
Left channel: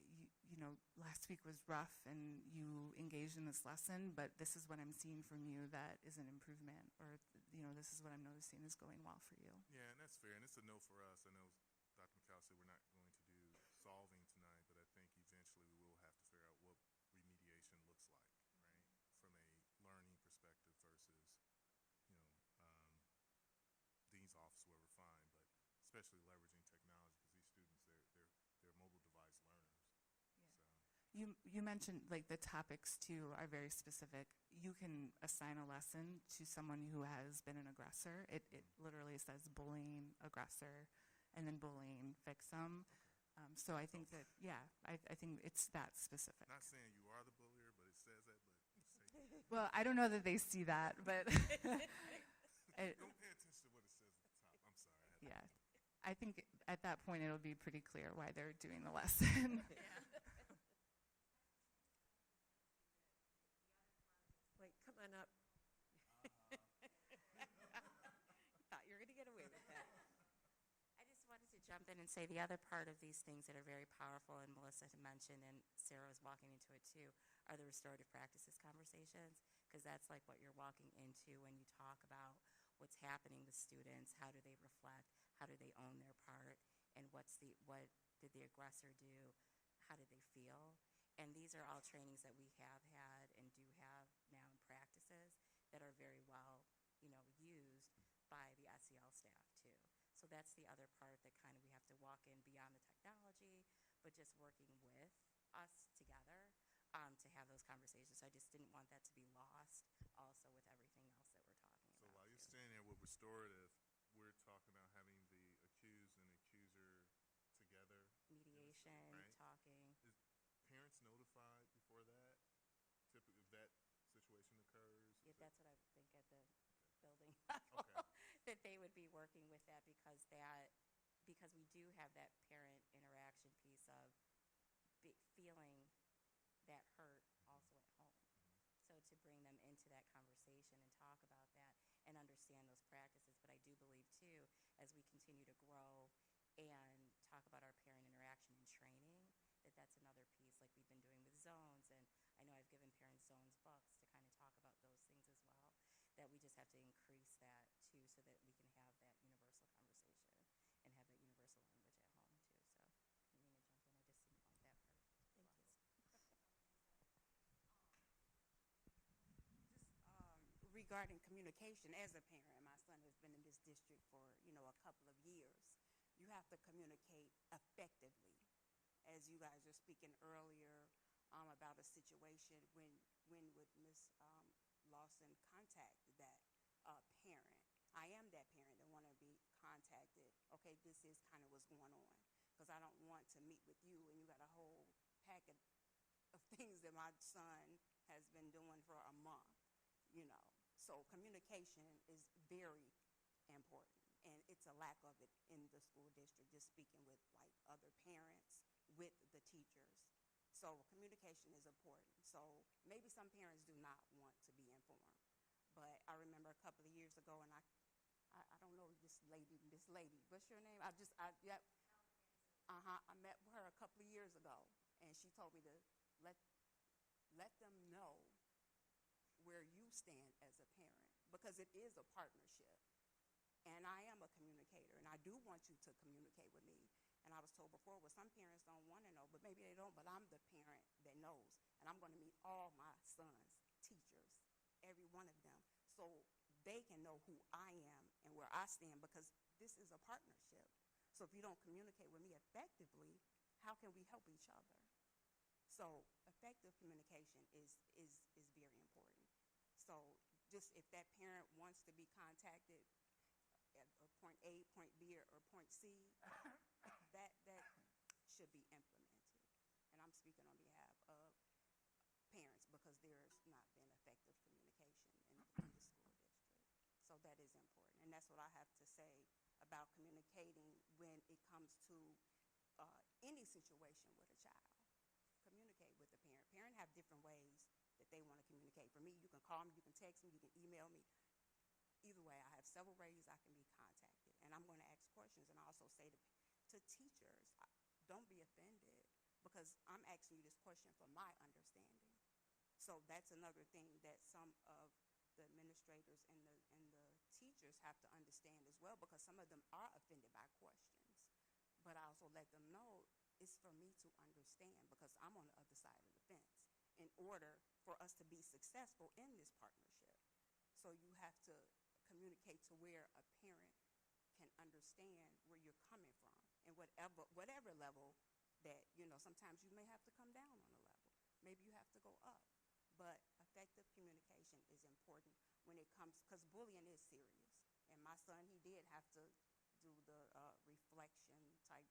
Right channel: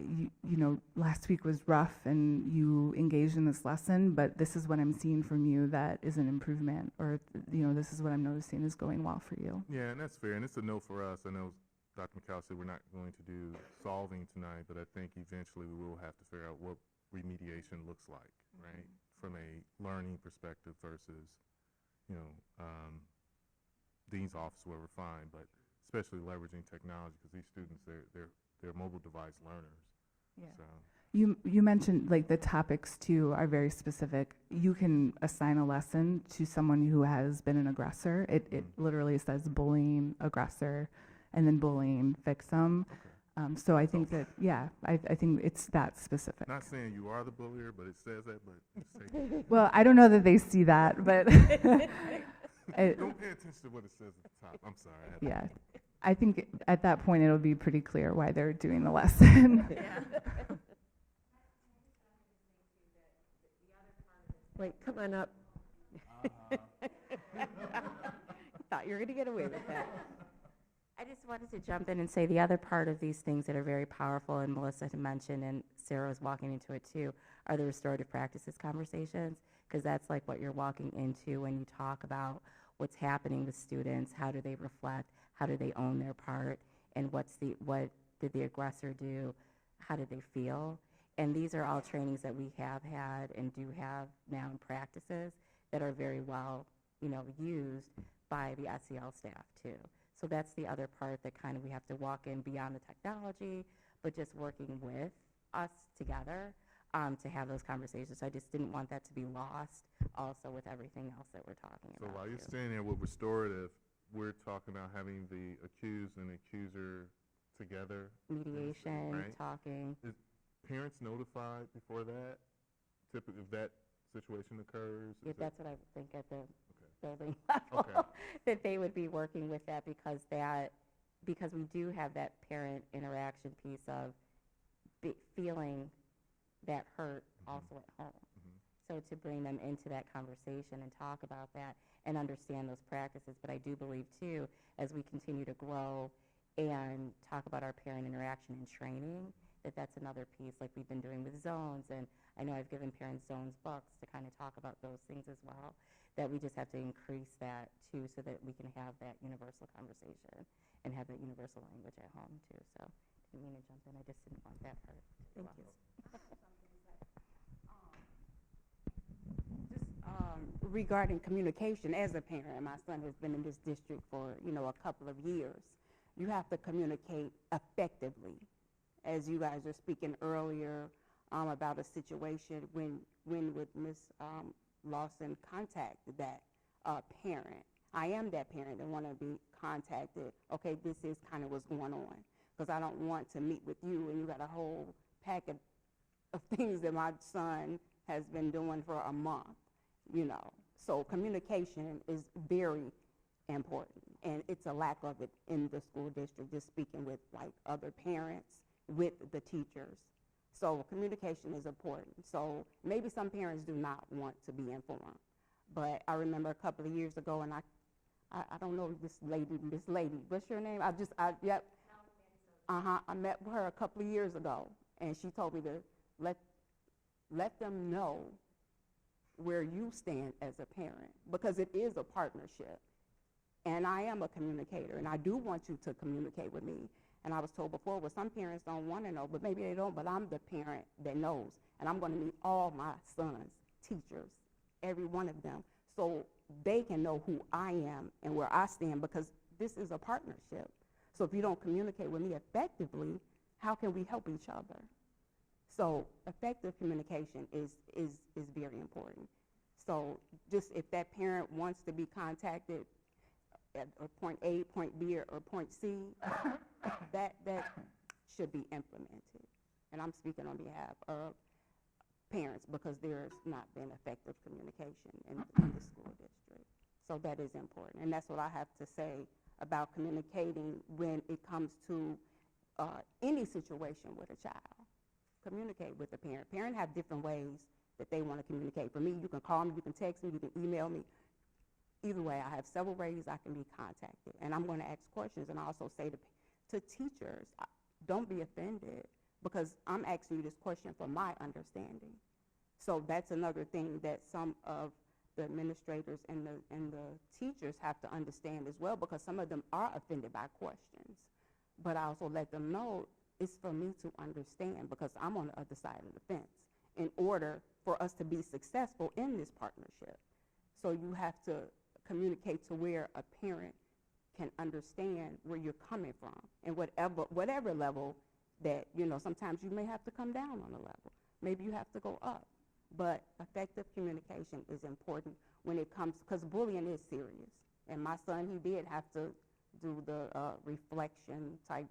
you know, last week was rough and you engaged in this lesson, but this is what I'm seeing from you that is an improvement, or, you know, this is what I'm noticing is going well for you. yeah, and that's fair, and it's a no for us. I know Dr. McCall said we're not going to do solving tonight, but I think eventually we will have to figure out what remediation looks like, right? From a learning perspective versus, you know, dean's office, where we're fine, but especially leveraging technology, because these students, they're mobile device learners. Yeah. So, You mentioned like the topics too are very specific. You can assign a lesson to someone who has been an aggressor. It literally says bullying aggressor and then bullying victim. So I think that, yeah, I think it's that specific. not saying you are the bullier, but it says that, but just take Well, I don't know that they see that, but don't pay attention to what it says at the top. I'm sorry. I had to- yeah. I think at that point it'll be pretty clear why they're doing the lesson. Wait, come on up. Thought you were going to get away with that. I just wanted to jump in and say the other part of these things that are very powerful, and Melissa had mentioned, and Sarah was walking into it too, are the restorative practices conversations, because that's like what you're walking into when you talk about what's happening with students, how do they reflect, how do they own their part, and what did the aggressor do, how did they feel. And these are all trainings that we have had and do have now in practices that are very well, you know, used by the SEL staff too. So that's the other part that kind of we have to walk in beyond the technology, but just working with us together to have those conversations. So I just didn't want that to be lost also with everything else that we're talking So about. while you're too. standing there with restorative, we're talking about having the accused and accuser together. Mediation, right? talking. Is parents notified before that? Typically, if that situation occurs? Yeah, is that's what I would think at the Okay. building level, Okay. that they would be working with that because we do have that parent interaction piece of feeling that hurt also at home. So to bring them into that conversation and talk about that and understand those practices. But I do believe too, as we continue to grow and talk about our parent interaction and training, that's another piece like we've been doing with zones. And I know I've given parents zones books to kind of talk about those things as well, that we just have to increase that too so that we can have that universal conversation and have that universal language at home too. So I didn't mean to jump in. I just didn't want that part. Thank you. Regarding communication, as a parent, my son has been in this district for, you know, a couple of years. You have to communicate effectively. As you guys were speaking earlier about a situation, when would Ms. Lawson contact that parent? I am that parent that want to be contacted. Okay, this is kind of what's going on, because I don't want to meet with you and you got a whole packet of things that my son has been doing for a month, you know. So communication is very important, and it's a lack of it in the school district, just speaking with like other parents, with the teachers. So communication is important. So maybe some parents do not want to be informed, But I remember a couple of years ago, and I don't know this lady, what's your name? Yep. I met her a couple of years ago, and she told me to let them know where you stand as a parent, because it is a partnership. And I am a communicator, and I do want you to communicate with me. And I was told before, well, some parents don't want to know, but maybe they don't, but I'm the parent that knows. And I'm going to meet all my sons' teachers, every one of them, so they can know who I am and where I stand, because this is a partnership. So if you don't communicate with me effectively, how can we help each other? So effective communication is very important. So just if that parent wants to be contacted at point A, point B, or point C, that should be implemented. And I'm speaking on behalf of parents, because there's not been effective communication in the school district. So that is important. And that's what I have to say about communicating when it comes to any situation with a child. Communicate with the parent. Parents have different ways that they want to communicate. For me, you can call me, you can text me, you can email me. Either way, I have several ways I can be contacted. And I'm going to ask questions, and I also say to teachers, don't be offended, because I'm asking you this question for my understanding. So that's another thing that some of the administrators and the teachers have to understand as well, because some of them are offended by questions. But I also let them know it's for me to understand, because I'm on the other side of the fence, in order for us to be successful in this partnership. So you have to communicate to where a parent can understand where you're coming from, and whatever level that, sometimes you may have to come down on a level. Maybe you have to go up. But effective communication is important when it comes, because bullying is serious. And my son, he did have to do the reflection type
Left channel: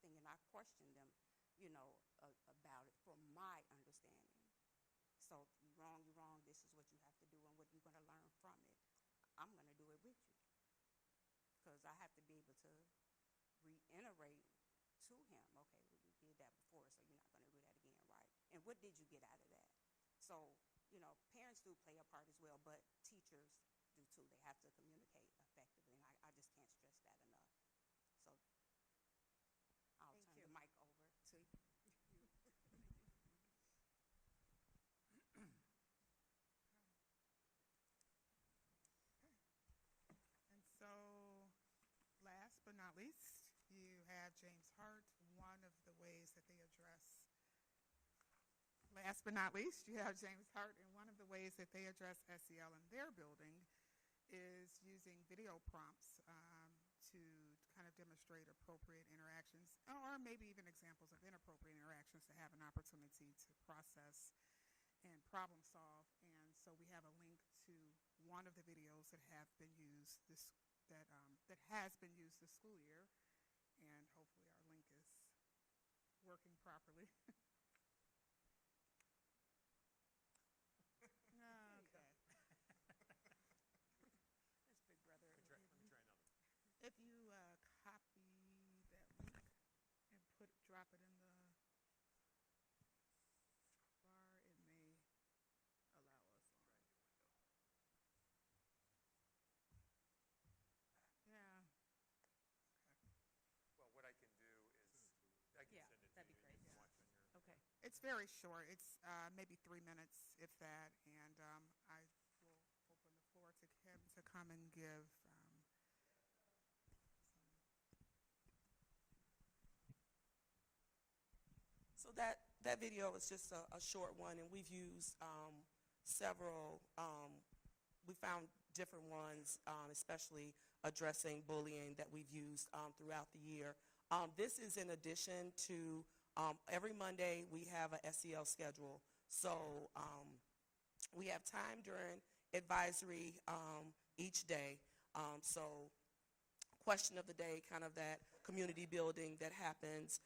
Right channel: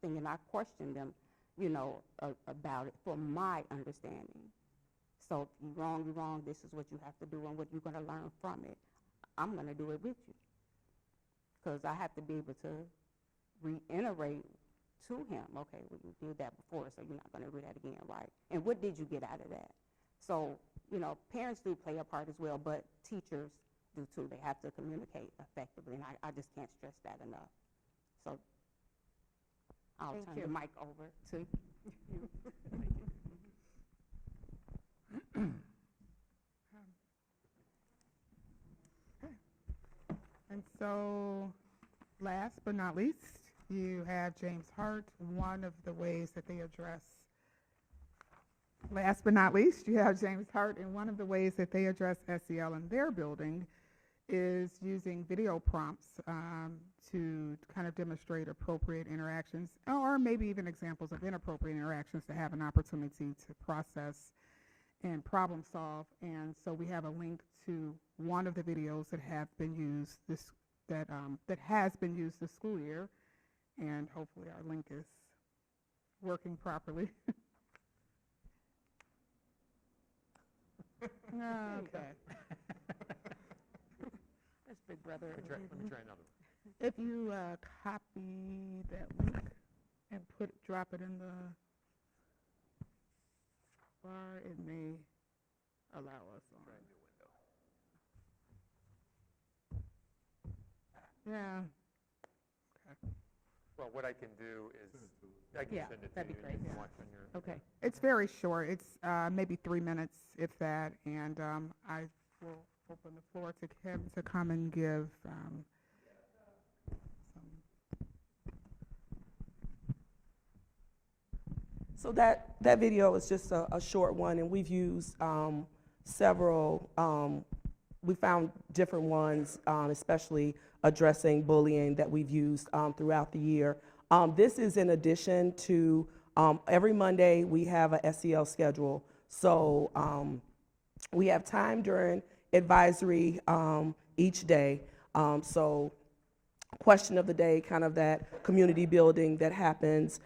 thing, and I questioned him, about it for my understanding. So if you're wrong, this is what you have to do and what you're going to learn from it. I'm going to do it with you, because I have to be able to reiterate to him, okay, well, you did that before, so you're not going to do that again, right? And what did you get out of that? So, parents do play a part as well, but teachers do too. They have to communicate effectively, and I just can't stress that enough. So I'll turn the mic over to you. And so, last but not least, you have James Hart. One of the ways that they address SEL in their building is using video prompts to kind of demonstrate appropriate interactions, or maybe even examples of inappropriate interactions, to have an opportunity to process and problem solve. And so we have a link to one of the videos that have been used that has been used this school year, and hopefully our link is working properly. Okay. That's Big Brother. Let me try another one. If you copy that link and drop it in the bar, it may allow us on. Yeah. Okay. Well, what I can do is, I can Yeah, send it to that'd you, be and you great. can watch on your. Okay. It's very short. It's maybe 3 minutes, if that. And I will open the floor to Kim to come and give some. So that video is just a short one, and we've used several, we found different ones, especially addressing bullying, that we've used throughout the year. This is in addition to, every Monday we have a SEL schedule. So we have time during advisory each day. So question of the day, kind of that community building that happens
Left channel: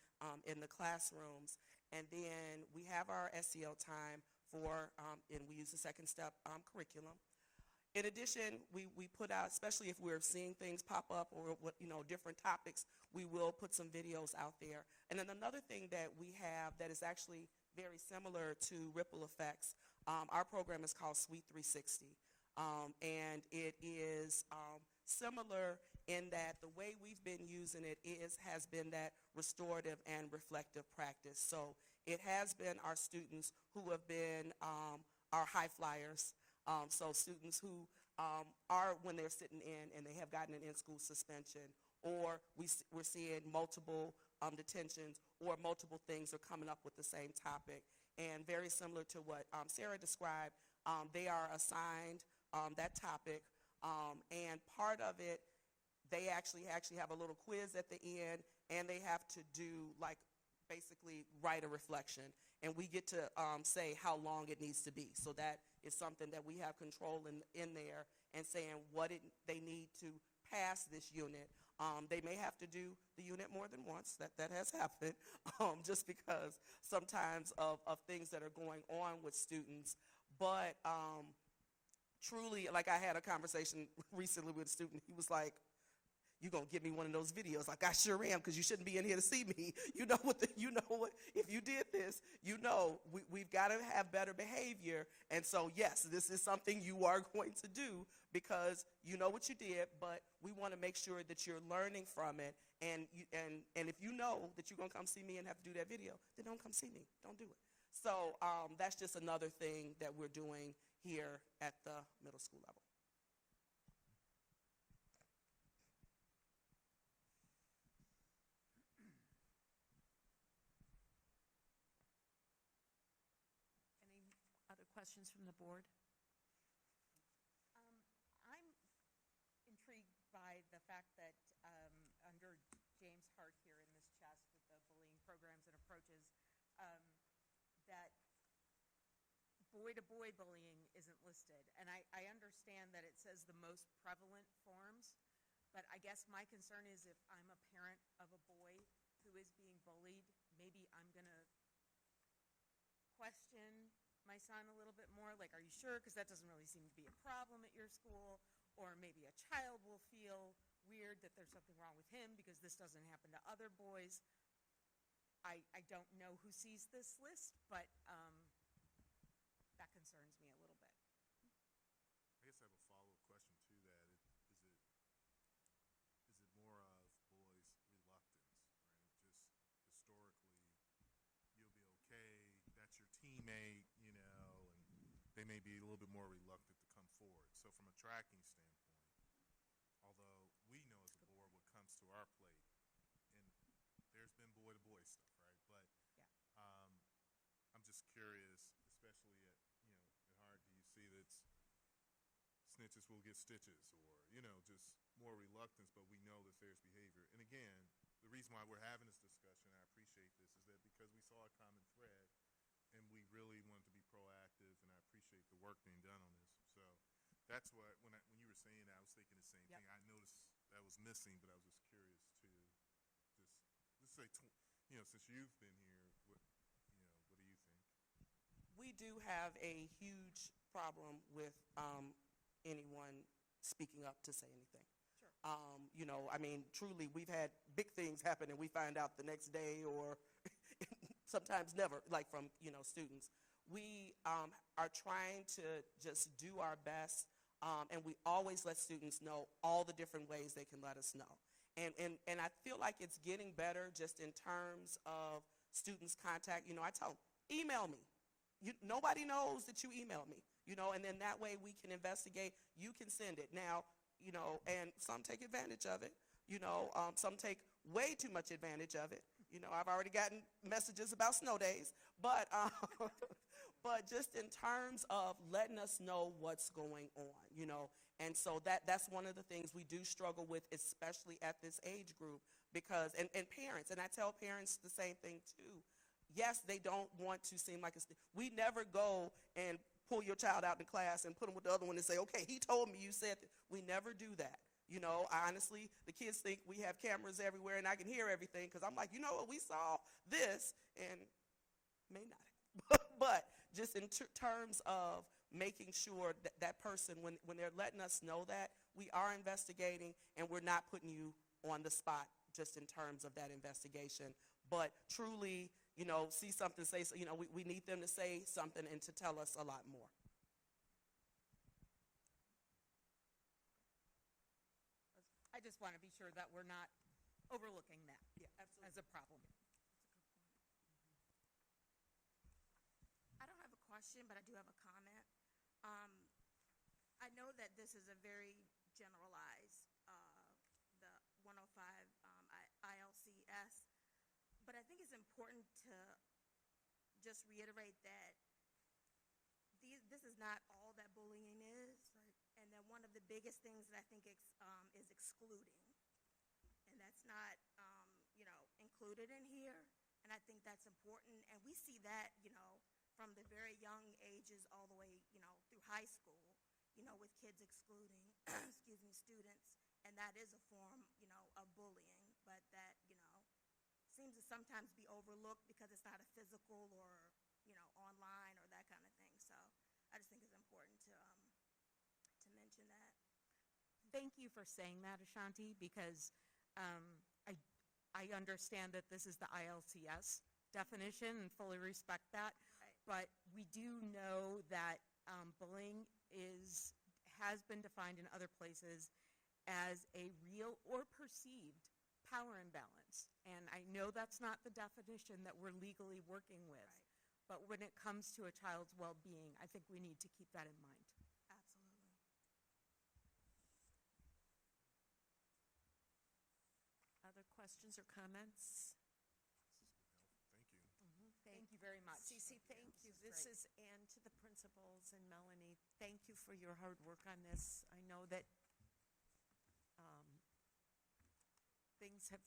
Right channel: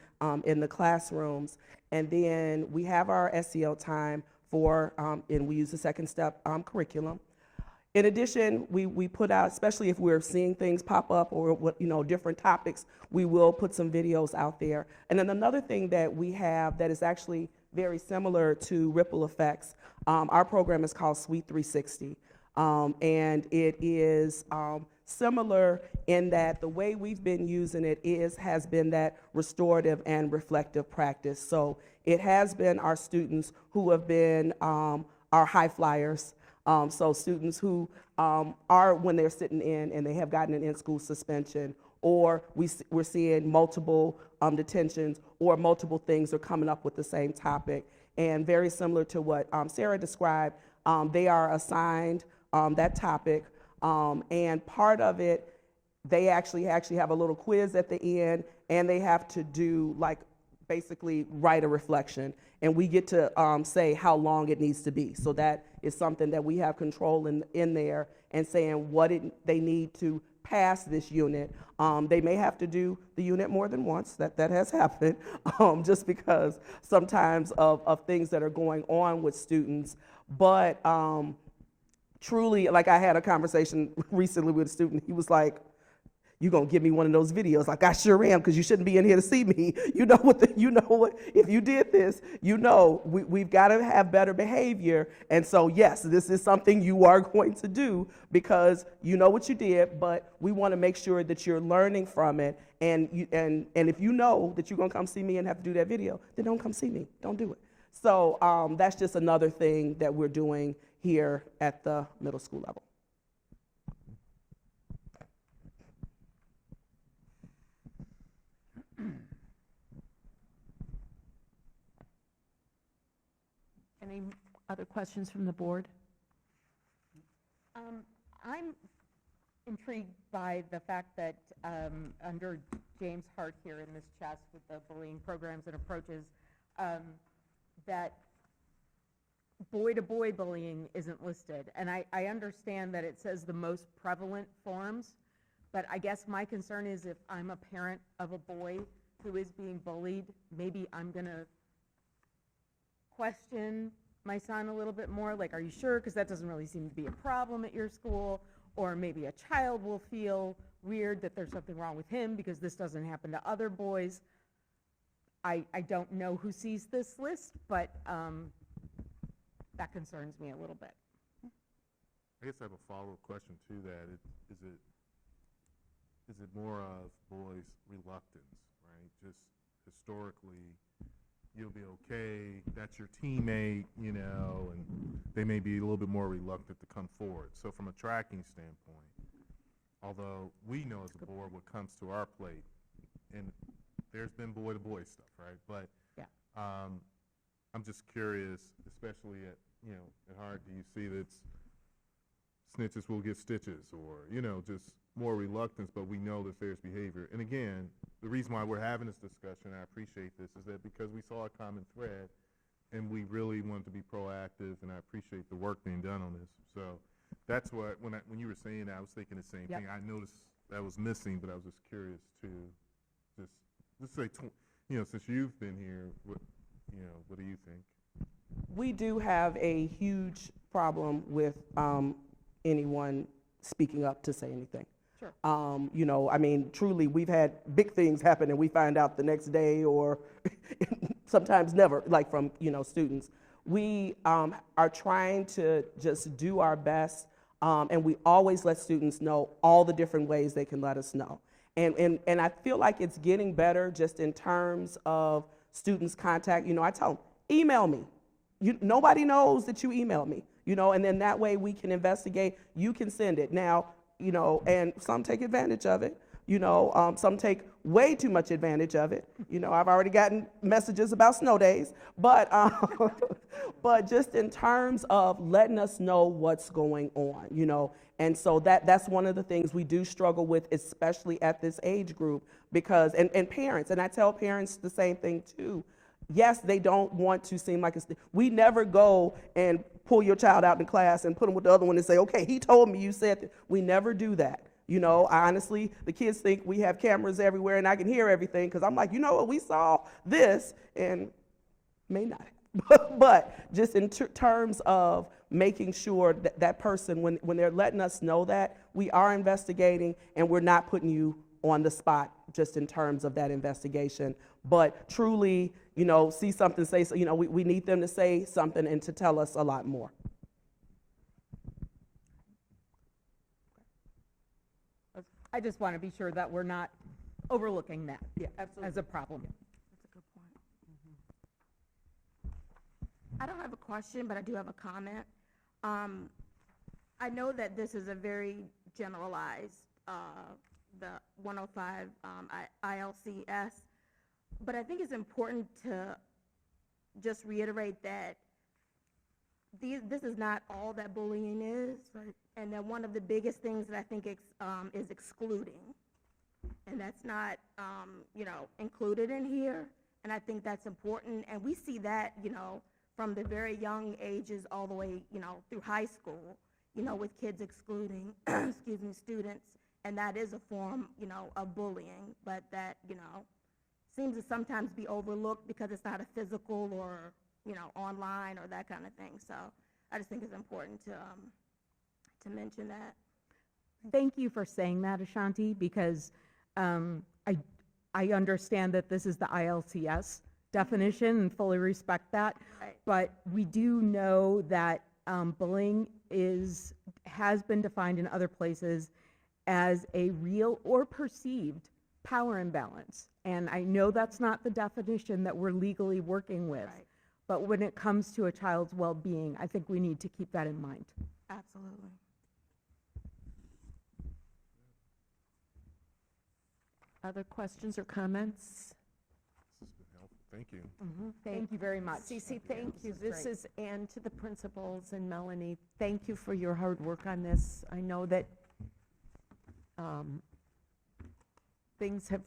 in the classrooms. And then we have our SEL time for, and we use the second step curriculum. In addition, we put out, especially if we're seeing things pop up or different topics, we will put some videos out there. And then another thing that we have that is actually very similar to Ripple Effects, our program is called Sweet 360. And it is similar in that the way we've been using it has been that restorative and reflective practice. So it has been our students who have been our high flyers. So students who are, when they're sitting in and they have gotten an in-school suspension, or we're seeing multiple detentions, or multiple things are coming up with the same topic. And very similar to what Sarah described, they are assigned that topic, and part of it, they actually have a little quiz at the end, and they have to do, like, basically write a reflection, and we get to say how long it needs to be. So that is something that we have control in there, and saying what they need to pass this unit. They may have to do the unit more than once. That has happened, just because sometimes of things that are going on with students. But truly, like, I had a conversation recently with a student. He was like, "You gonna give me one of those videos?" Like, I sure am, because you shouldn't be in here to see me. You know what, if you did this, we've got to have better behavior. And so, yes, this is something you are going to do, because you know what you did, but we want to make sure that you're learning from it. And if you know that you're gonna come see me and have to do that video, then don't come see me. Don't do it. So that's just another thing that we're doing here at the middle school level. Any other questions from the board? I'm intrigued by the fact that under James Hart here in this chest with the bullying programs and approaches, that boy-to-boy bullying isn't listed. And I understand that it says the most prevalent forms, but I guess my concern is if I'm a parent of a boy who is being bullied, maybe I'm going to question my son a little bit more, like, are you sure? Because that doesn't really seem to be a problem at your school. Or maybe a child will feel weird that there's something wrong with him because this doesn't happen to other boys. I don't know who sees this list, but that concerns me a little bit. I guess I have a follow-up question to that. Is it more of boys' reluctance, right? Just historically, you'll be okay, that's your teammate, and they may be a little bit more reluctant to come forward. So from a tracking standpoint, although we know as a board what comes to our plate, and there's been boy-to-boy stuff, right? But yeah. I'm just curious, especially at Hart, do you see that snitches will get stitches, or, just more reluctance, but we know that there's behavior. And again, the reason why we're having this discussion, I appreciate this, is that because we saw a common thread, and we really wanted to be proactive, and I appreciate the work being done on this. So that's what, when you were saying that, I was thinking the same thing. I noticed that was missing, but I was just curious to just say, since you've been here, what do you think? We do have a huge problem with anyone speaking up to say anything. Sure. Truly, we've had big things happen and we find out the next day, or sometimes never, like from, students. We are trying to just do our best, and we always let students know all the different ways they can let us know. And I feel like it's getting better just in terms of students' contact. I tell them, email me. Nobody knows that you emailed me, and then that way we can investigate. You can send it. Now, and some take advantage of it. Some take way too much advantage of it. I've already gotten messages about snow days, but just in terms of letting us know what's going on, and so that's one of the things we do struggle with, especially at this age group, because, and parents, and I tell parents the same thing too. Yes, they don't want to seem like we never go and pull your child out in class and put them with the other one and say, okay, he told me you said that. We never do that. Honestly, the kids think we have cameras everywhere and I can hear everything, because I'm like, what, we saw this, and may not. But just in terms of making sure that person, when they're letting us know that, we are investigating and we're not putting you on the spot just in terms of that investigation. But truly, see something, say, we need them to say something and to tell us a lot more. I just want to be sure that we're not overlooking that Yeah, as absolutely. a problem. That's a good point. I don't have a question, but I do have a comment. I know that this is a very generalized, the 105 ILCS, but I think it's important to just reiterate that this is not all that bullying is. Right. And that one of the biggest things that I think is excluding. And that's not, included in here. And I think that's important. And we see that, from the very young ages all the way, through high school, with kids excluding, excuse me, students. And that is a form, of bullying. But that, seems to sometimes be overlooked because it's not a physical or, online or that kind of thing. So I just think it's important to mention that. Thank you for saying that, Ashanti, because I understand that this is the ILCS definition and fully respect that. Right. But we do know that bullying has been defined in other places as a real or perceived power imbalance. And I know that's not the definition that we're legally working with. Right. But when it comes to a child's well-being, I think we need to keep that in mind. Absolutely. Other questions or comments? This has been helpful. Thank you. Thank you very much. Cece, thank you. This is This is, and to the principals and Melanie, thank you for your hard work on this. I know that things have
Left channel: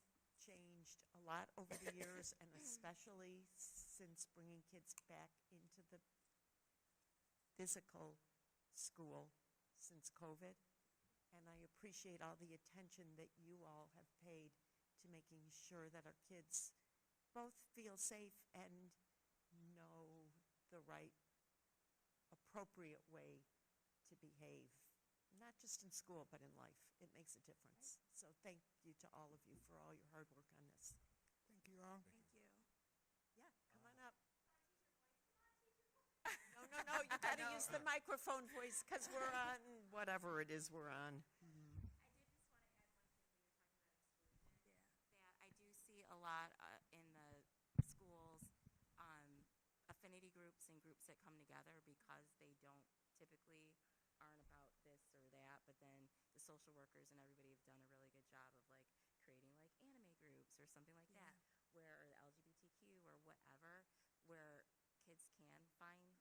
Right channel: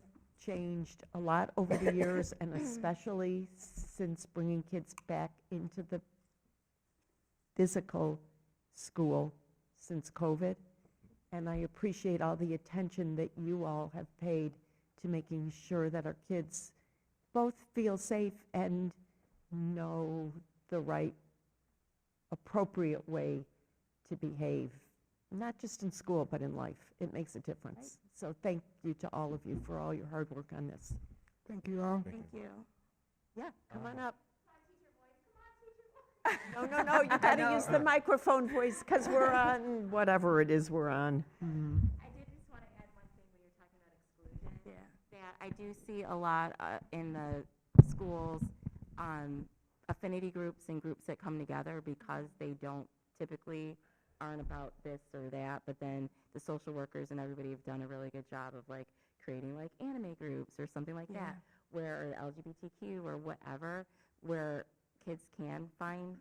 changed a lot over the years, and especially since bringing kids back into the physical school since COVID. And I appreciate all the attention that you all have paid to making sure that our kids both feel safe and know the right, appropriate way to behave, not just in school, but in life. It makes a difference. So thank you to all of you for all your hard work on this. Thank you all. Thank you. Yeah, come on up. No, you gotta use the microphone voice, because we're on whatever it is we're on. I did just want to add one thing when you're talking about exclusion. Yeah. That I do see a lot in the schools, affinity groups and groups that come together because they don't typically aren't about this or that, but then the social workers and everybody have done a really good job of like creating like anime groups or something like that, where or LGBTQ or whatever, where kids can find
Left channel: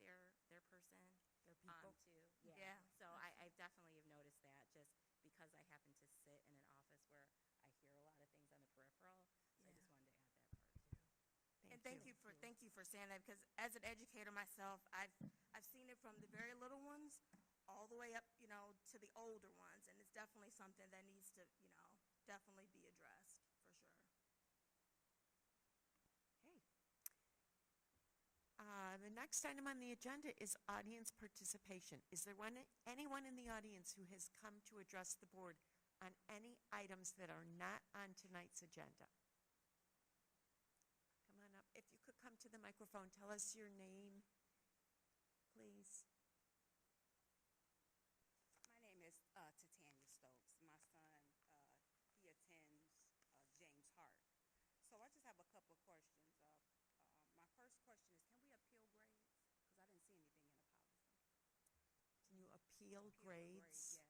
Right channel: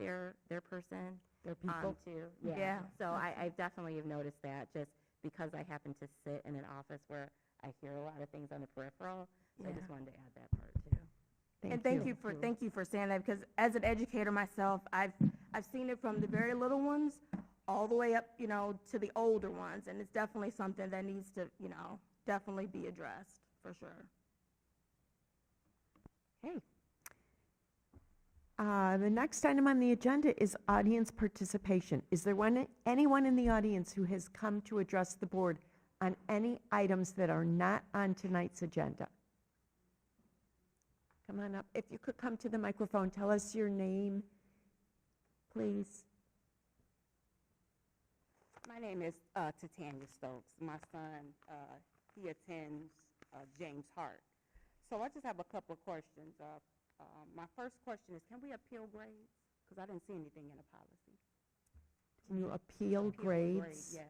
their person. Their people. Too. Yeah. So I definitely have noticed that just because I happen to sit in an office where I hear a lot of things on the peripheral. So I just wanted to add that part too. Thank you for saying that, because as an educator myself, I've seen it from the very little ones all the way up, to the older ones, and it's definitely something that needs to, definitely be addressed for sure. Okay. The next item on the agenda is audience participation. Is there anyone in the audience who has come to address the board on any items that are not on tonight's agenda? Come on up. If you could come to the microphone, tell us your name, please. My name is Titania Stokes. My son, he attends James Hart. So I just have a couple of questions. My first question is, can we appeal grades? Because I didn't see anything in the policy. Can you appeal grades? Yes.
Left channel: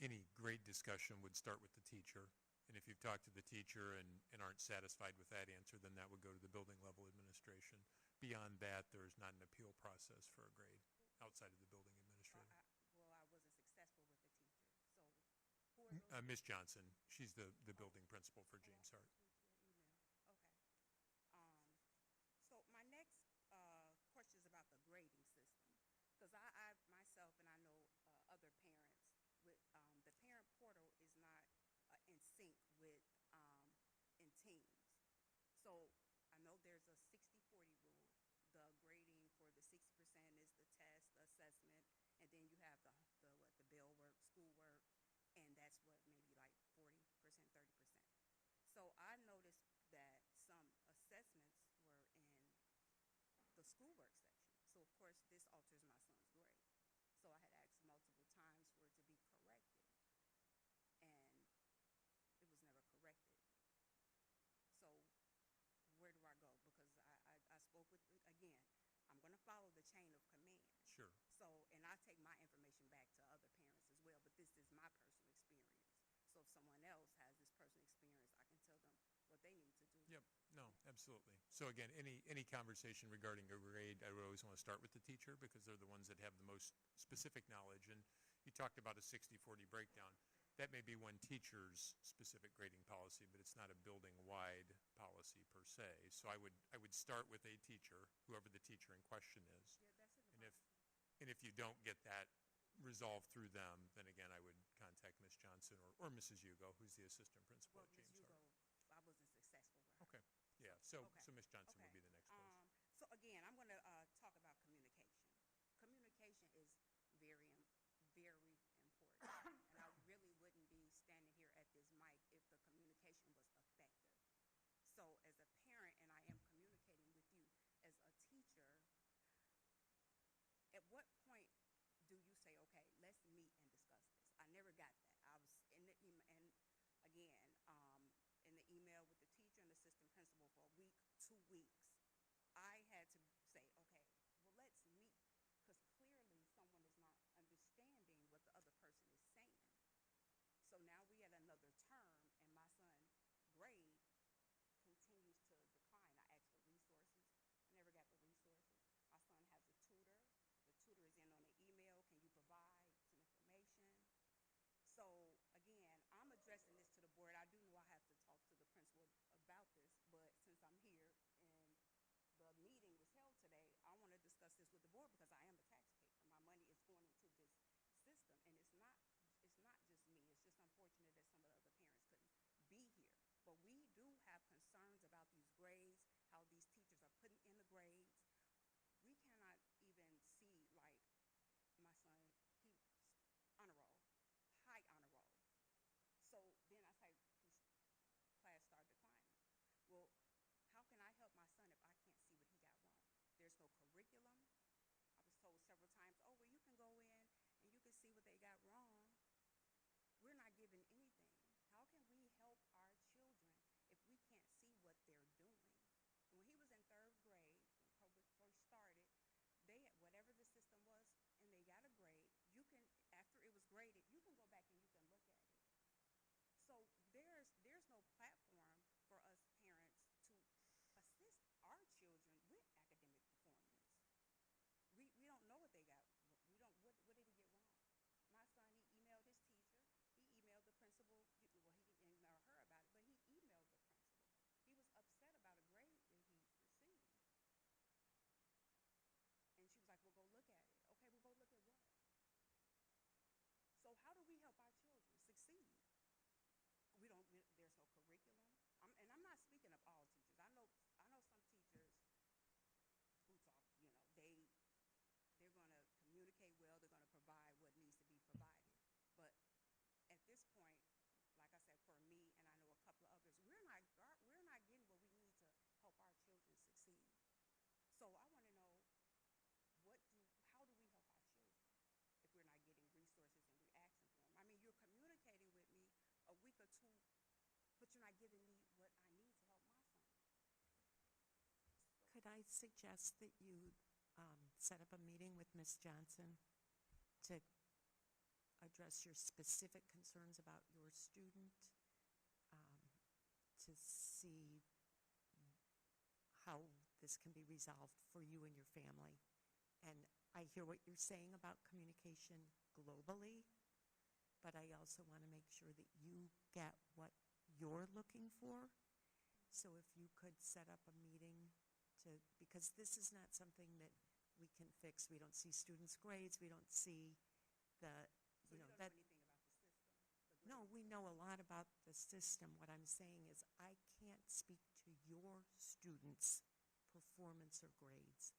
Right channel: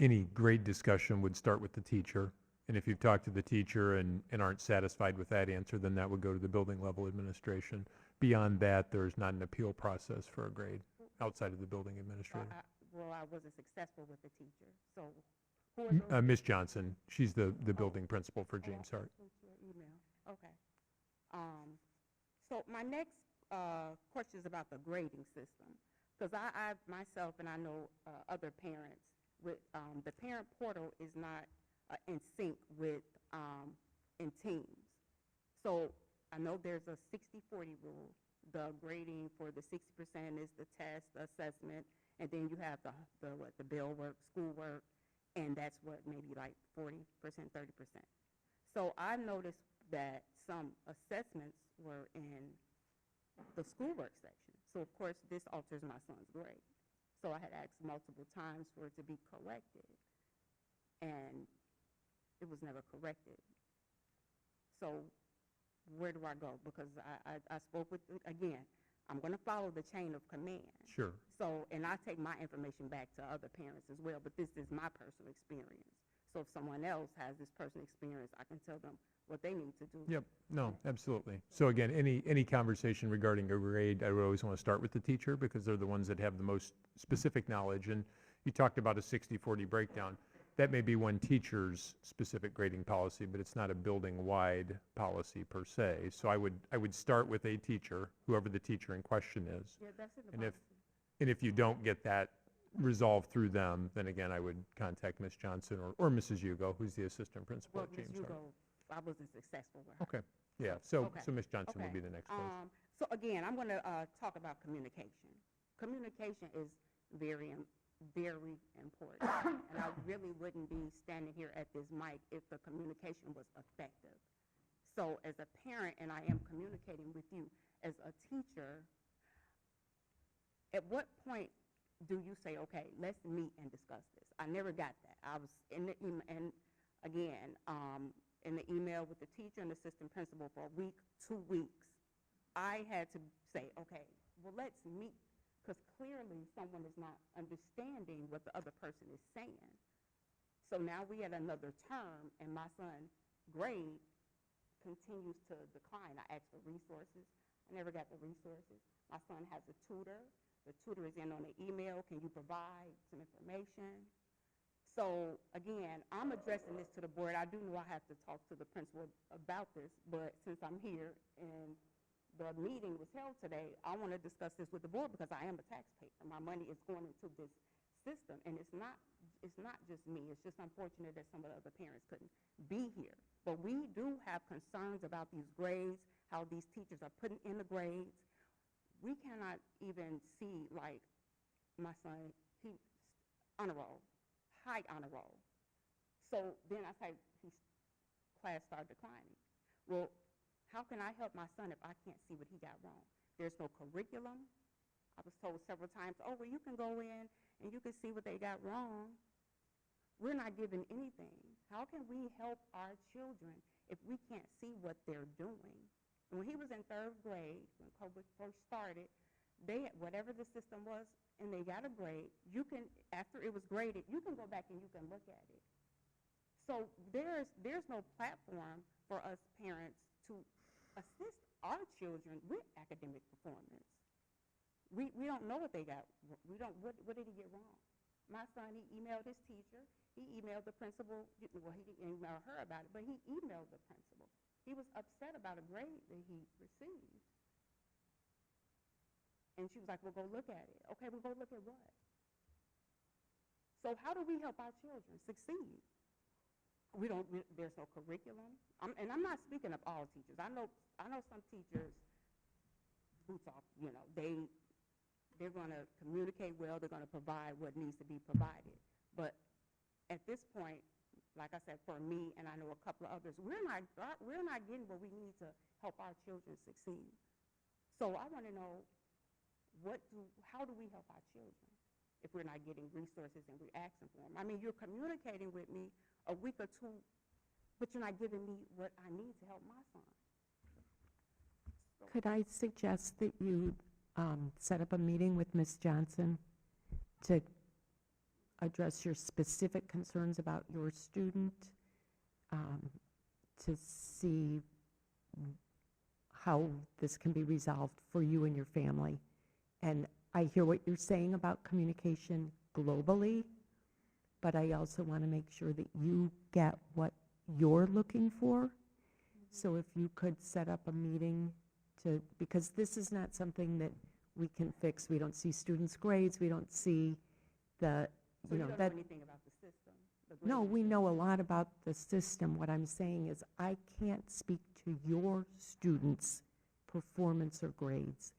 Any grade discussion would start with the teacher. And if you've talked to the teacher and aren't satisfied with that answer, then that would go to the building level administration. Beyond that, there's not an appeal process for a grade outside of the building administrator. I wasn't successful with the teacher. So who are those? Ms. Johnson, she's the building principal for James Hart. Your email. Okay. So my next question is about the grading system, because I myself and I know other parents with the parent portal is not in sync with in teams. So I know there's a 60-40 rule. The grading for the 60% is the test, the assessment, and then you have the bill work, school work, and that's what maybe like 40%, 30%. So I noticed that some assessments were in the schoolwork section. So of course this alters my son's grade. So I had asked multiple times for it to be corrected, and it was never corrected. So where do I go? Because I spoke with, again, I'm going to follow the chain of command. Sure. So, and I take my information back to other parents as well, but this is my personal experience. So if someone else has this personal experience, I can tell them what they need to do. Yep, no, absolutely. So again, any conversation regarding a grade, I would always want to start with the teacher because they're the ones that have the most specific knowledge. And you talked about a 60-40 breakdown. That may be one teacher's specific grading policy, but it's not a building-wide policy per se. So I would start with a teacher, whoever the teacher in question is. Yeah, that's in the And policy. if you don't get that resolved through them, then again, I would contact Ms. Johnson or Mrs. Hugo, who's the assistant principal Well, at Ms. James Hart. Hugo, I wasn't successful with her. Okay, yeah, so Okay. Ms. Johnson will Okay. be the next place. So again, I'm going to talk about communication. Communication is very important. And I really wouldn't be standing here at this mic if the communication was effective. So as a parent, and I am communicating with you as a teacher, at what point do you say, okay, let's meet and discuss this? I never got that. I was in the email, and again, in the email with the teacher and assistant principal for a week, 2 weeks, I had to say, okay, well, let's meet, because clearly someone is not understanding what the other person is saying. So now we had another term, and my son's grade continues to decline. I asked for resources. I never got the resources. My son has a tutor. The tutor is in on the email. Can you provide some information? So again, I'm addressing this to the board. I do know I have to talk to the principal about this, but since I'm here and the meeting was held today, I want to discuss this with the board because I am a taxpayer. My money is going into this system, and it's not just me. It's just unfortunate that some of the other parents couldn't be here. But we do have concerns about these grades, how these teachers are putting in the grades. We cannot even see, like, my son, he honor roll, high honor roll. So then I say his class started declining. Well, how can I help my son if I can't see what he got wrong? There's no curriculum. I was told several times, oh, well, you can go in and you can see what they got wrong. We're not given anything. How can we help our children if we can't see what they're doing? When he was in 3rd grade, when COVID first started, they, whatever the system was, and they got a grade, you can, after it was graded, you can go back and you can look at it. So there's no platform for us parents to assist our children with academic performance. We don't know what they got. What did he get wrong? My son, he emailed his teacher. He emailed the principal. Well, he didn't email her about it, but he emailed the principal. He was upset about a grade that he received. And she was like, well, go look at it. Okay, well, go look at what? So how do we help our children succeed? There's no curriculum. And I'm not speaking of all teachers. I know some teachers, boots off, they're going to communicate well. They're going to provide what needs to be provided. But at this point, like I said, for me, and I know a couple of others, we're not getting what we need to help our children succeed. So I want to know, how do we help our children if we're not getting resources and we're asking for them? I mean, you're communicating with me a week or two, but you're not giving me what I need to help my son. So Could I suggest that you set up a meeting with Ms. Johnson to address your specific concerns about your student, to see how this can be resolved for you and your family? And I hear what you're saying about communication globally, but I also want to make sure that you get what you're looking for. So if you could set up a meeting because this is not something that we can fix. We don't see students' grades. We don't see So you don't know anything about the system? No, we know a lot about the system. What I'm saying is I can't speak to your students' performance or grades.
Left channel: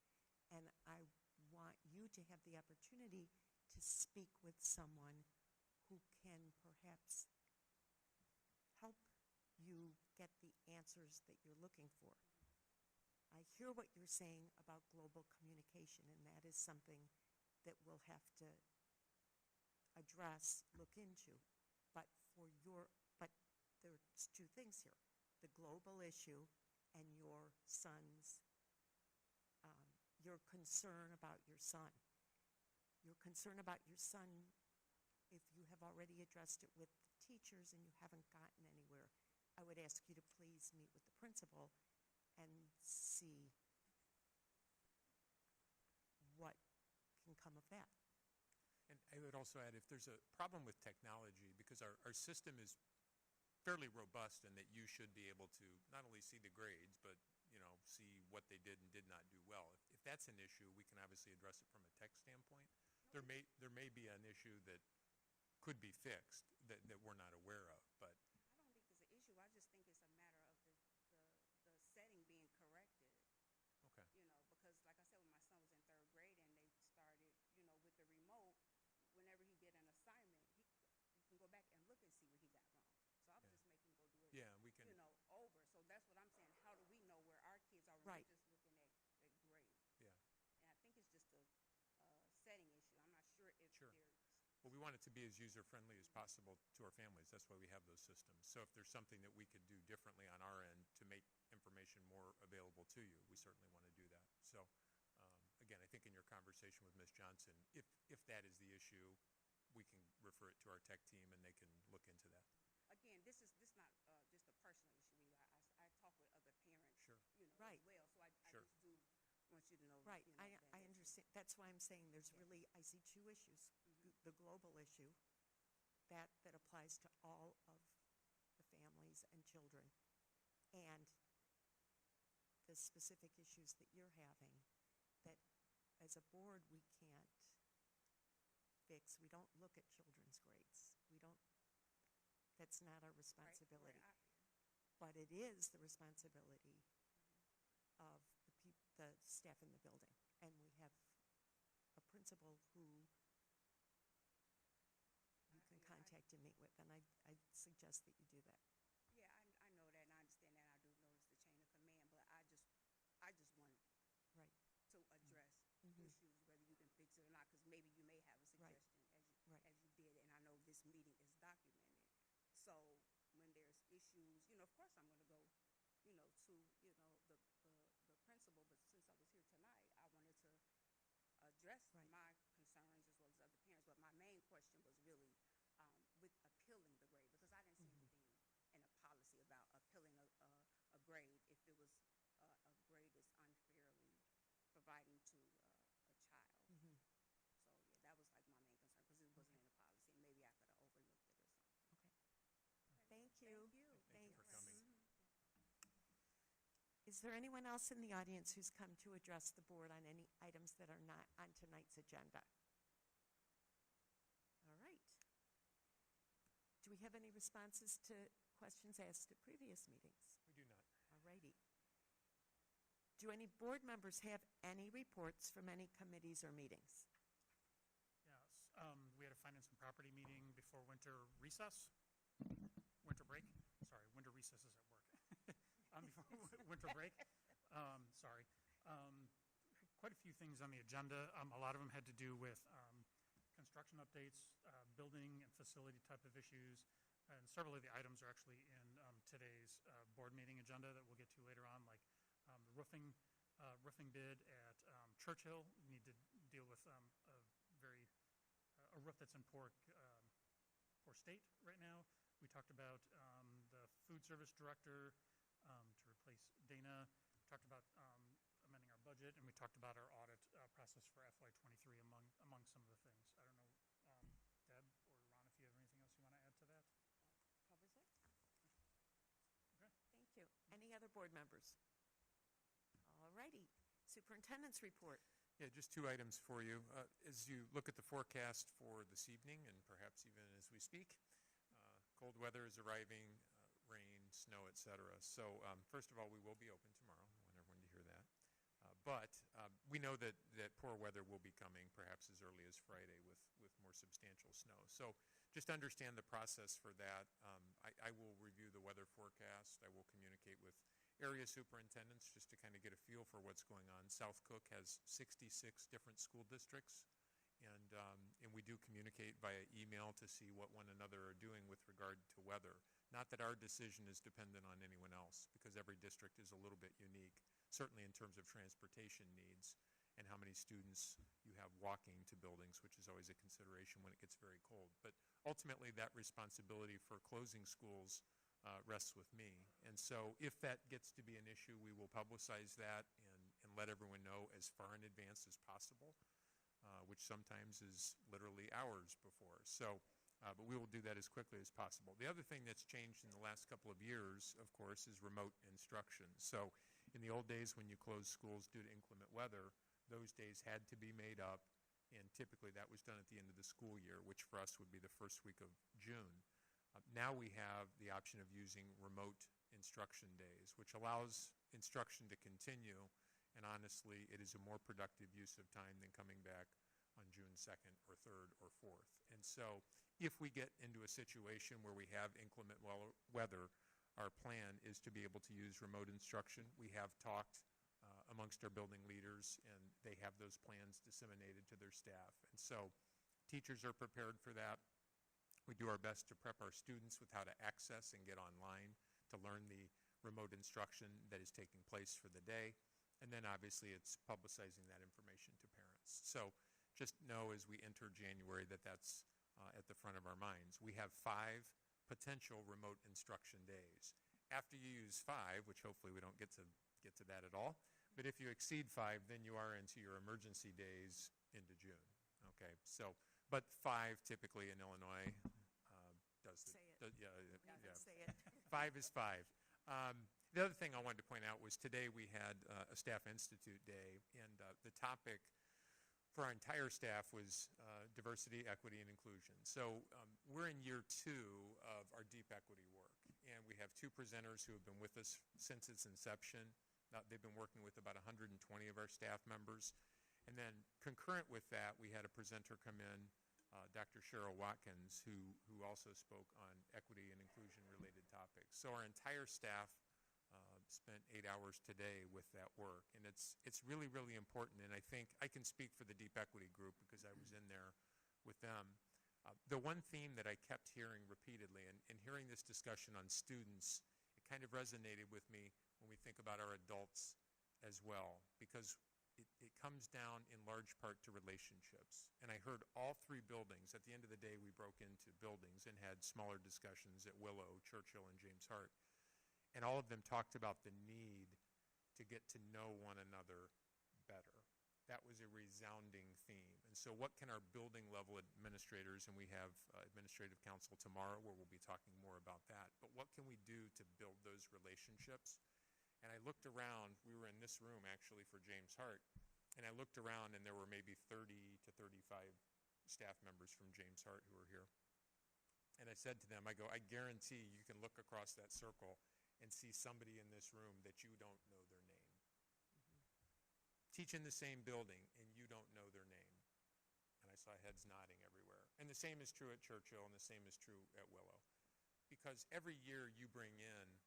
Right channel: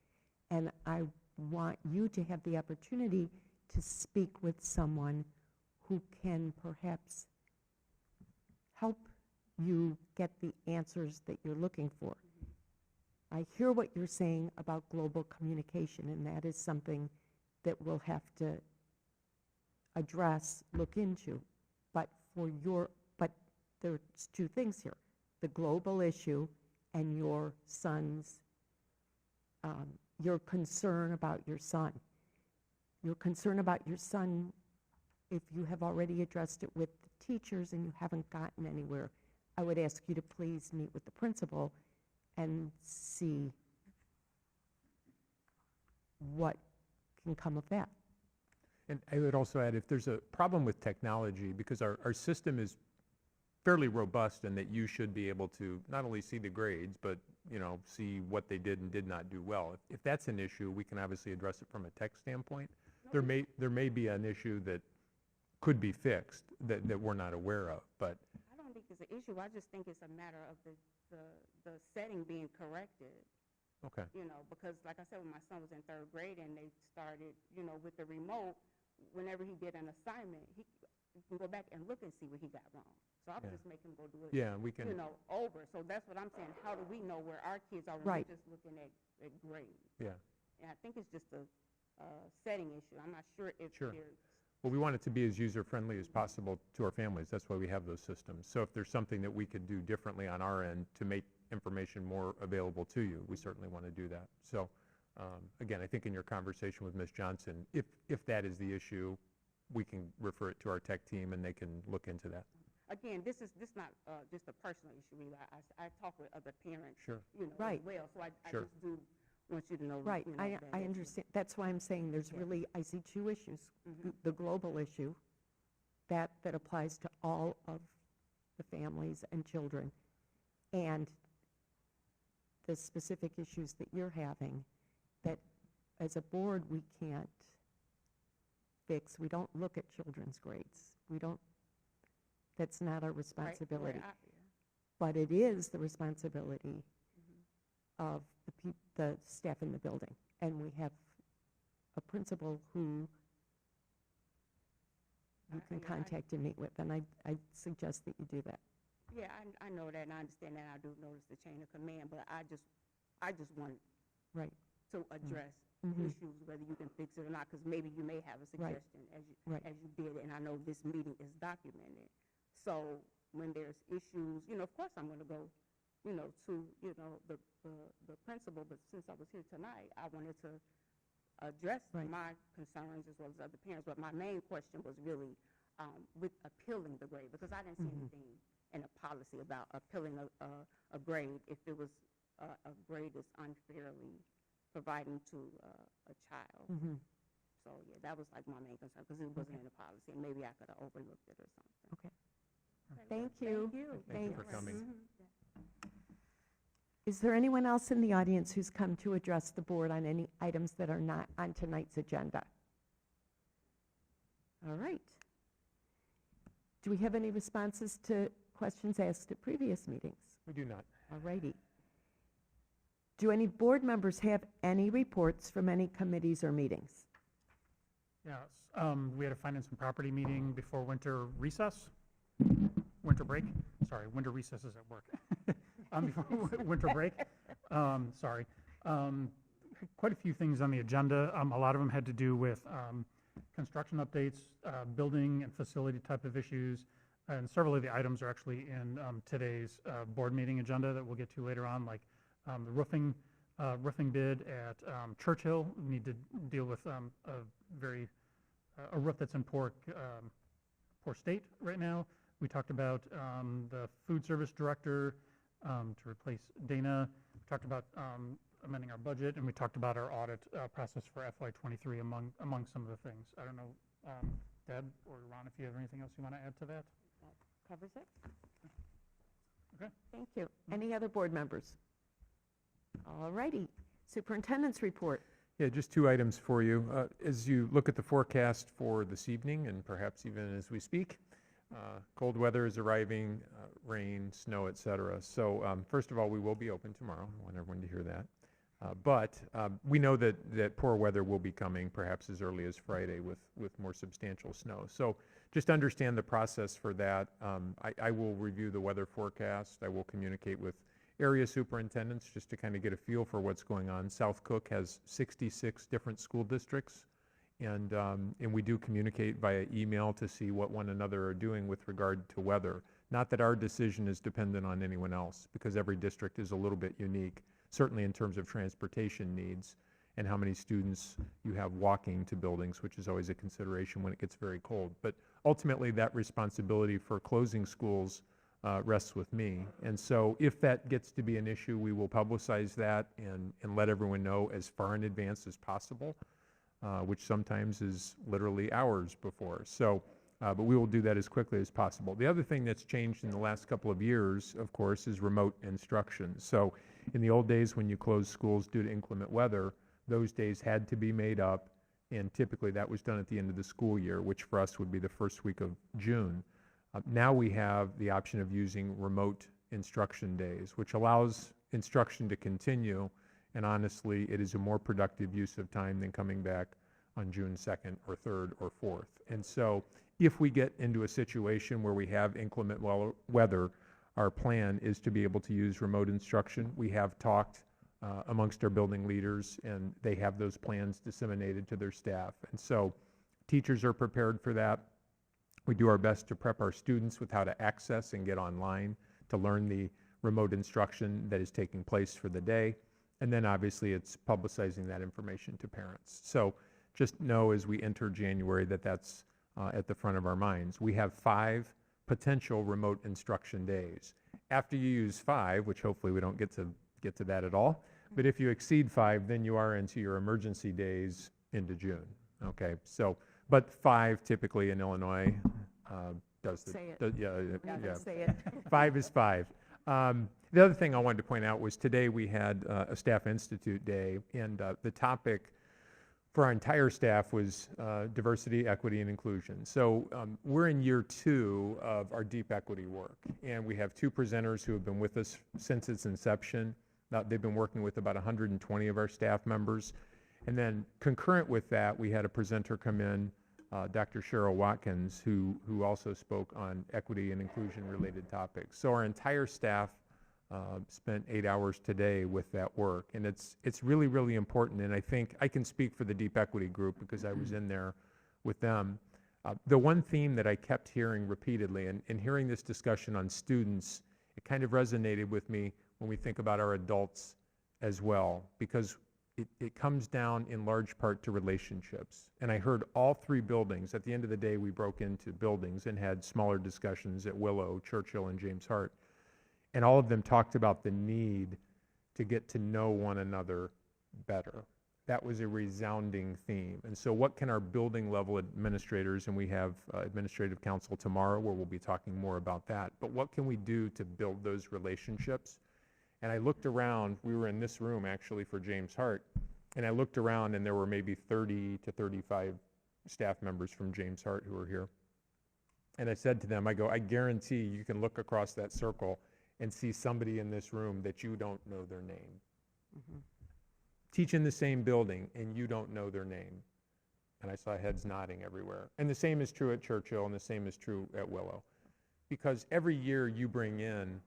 And I want you to have the opportunity to speak with someone who can perhaps help you get the answers that you're looking for. I hear what you're saying about global communication, and that is something that we'll have to address, look into. But but there's two things here: the global issue and your son's, your concern about your son. Your concern about your son, if you have already addressed it with the teachers and you haven't gotten anywhere, I would ask you to please meet with the principal and see what can come of that. And I would also add, if there's a problem with technology, because our system is fairly robust and that you should be able to not only see the grades, but, see what they did and did not do well. If that's an issue, we can obviously address it from a tech standpoint. There may be an issue that could be fixed that we're not aware of, but I don't think it's an issue. I just think it's a matter of the setting being corrected. okay. Because like I said, when my son was in 3rd grade and they started, with the remote, whenever he did an assignment, he can go back and look and see what he got wrong. So I would Yeah. just make him go do it, Yeah, we can. over. So that's what I'm saying. How do we know where our kids are when Right. we're just looking at grades? Yeah. And I think it's just a setting issue. I'm not sure if Sure. there's Well, we want it to be as user-friendly as possible to our families. That's why we have those systems. So if there's something that we could do differently on our end to make information more available to you, we certainly want to do that. So, again, I think in your conversation with Ms. Johnson, if that is the issue, we can refer it to our tech team and they can look into that. again, this not just a personal issue. Really, I talk with other parents, Sure. Right. as well. So I Sure. just do want you to know. Right, I that- understand. That's why I'm saying there's Yeah. really, I see two issues. Mhm. The global issue, that applies to all of the families and children, and the specific issues that you're having, that as a board, we can't fix. We don't look at children's grades. That's not our Right, responsibility. right, But it is the responsibility Mhm. of the staff in the building. And we have a principal who you can yeah, contact and meet with, and I suggest that you do that. Yeah, I know that, and I understand that. I do notice the chain of command, but I just want Right. to address Mhm. issues, whether you can fix it or not, because maybe you may have a Right. suggestion Right. as you did, and I know this meeting is documented. So when there's issues, of course I'm going to go, to, the principal, but since I was here tonight, I wanted to address Right. my concerns as well as other parents, but my main question was really with appealing the grade, because I didn't see Mhm. anything in a policy about appealing a grade if it was a grade that's unfairly providing to a child. Mhm. So, yeah, that was like my main concern, because it wasn't in the policy, and maybe I could have overlooked it or something. Okay. Thank you. Thank you. Thank you for Thanks. coming. Mhm. Is there anyone else in the audience who's come to address the board on any items that are not on tonight's agenda? All right. Do we have any responses to questions asked at previous meetings? We do not. All righty. Do any board members have any reports from any committees or meetings? Yes, we had a finance and property meeting before winter recess, winter break, sorry, winter recess is at work. Before winter break, sorry. Quite a few things on the agenda. A lot of them had to do with construction updates, building and facility type of issues, and several of the items are actually in today's board meeting agenda that we'll get to later on, like the roofing bid at Churchill. We need to deal with a roof that's in poor state right now. We talked about the food service director to replace Dana. We talked about amending our budget, and we talked about our audit process for FY23 among some of the things. I don't know, Deb or Ron, if you have anything else you want to add to that? Covers it? Okay. Thank you. Any other board members? All righty. Superintendent's report. Yeah, just two items for you. As you look at the forecast for this evening, and perhaps even as we speak, cold weather is arriving, rain, snow, et cetera. So first of all, we will be open tomorrow. I want everyone to hear that. But we know that poor weather will be coming perhaps as early as Friday with more substantial snow. So just understand the process for that. I will review the weather forecast. I will communicate with area superintendents just to kind of get a feel for what's going on. South Cook has 66 different school districts, And we do communicate via email to see what one another are doing with regard to weather. Not that our decision is dependent on anyone else, because every district is a little bit unique, certainly in terms of transportation needs and how many students you have walking to buildings, which is always a consideration when it gets very cold. But ultimately, that responsibility for closing schools rests with me. And so if that gets to be an issue, we will publicize that and let everyone know as far in advance as possible, which sometimes is literally hours before. So, but we will do that as quickly as possible. The other thing that's changed in the last couple of years, of course, is remote instruction. So in the old days when you closed schools due to inclement weather, those days had to be made up, and typically that was done at the end of the school year, which for us would be the first week of June. Now we have the option of using remote instruction days, which allows instruction to continue, and honestly, it is a more productive use of time than coming back on June 2nd or 3rd or 4th. And so if we get into a situation where we have inclement weather, our plan is to be able to use remote instruction. We have talked amongst our building leaders, and they have those plans disseminated to their staff. And so teachers are prepared for that. We do our best to prep our students with how to access and get online to learn the remote instruction that is taking place for the day. And then obviously it's publicizing that information to parents. So just know as we enter January that that's at the front of our minds. We have 5 potential remote instruction days. After you use 5, which hopefully we don't get to that at all, but if you exceed 5, then you are into your emergency days into June. Okay, so, but 5 typically in Illinois does the... Say it. Yeah. Say it. 5 is 5. The other thing I wanted to point out was today we had a Staff Institute Day, and the topic for our entire staff was diversity, equity, and inclusion. So we're in year 2 of our deep equity work, and we have 2 presenters who have been with us since its inception. They've been working with about 120 of our staff members. And then concurrent with that, we had a presenter come in, Dr. Cheryl Watkins, who also spoke on equity and inclusion related topics. So our entire staff spent 8 hours today with that work, and it's really, really important. And I think I can speak for the Deep Equity Group because I was in there with them. The one theme that I kept hearing repeatedly, and hearing this discussion on students, it kind of resonated with me when we think about our adults as well, because it comes down in large part to relationships. And I heard all 3 buildings. At the end of the day, we broke into buildings and had smaller discussions at Willow, Churchill, and James Hart. And all of them talked about the need to get to know one another better. That was a resounding theme. And so what can our building level administrators, and we have administrative council tomorrow where we'll be talking more about that, but what can we do to build those relationships? And I looked around, we were in this room actually for James Hart, and I looked around and there were maybe 30 to 35 staff members from James Hart who were here. And I said to them, I go, I guarantee you can look across that circle and see somebody in this room that you don't know their name. Mm-hmm. Teach in the same building and you don't know their name. And I saw heads nodding everywhere. And the same is true at Churchill, and the same is true at Willow. Because every year you bring in,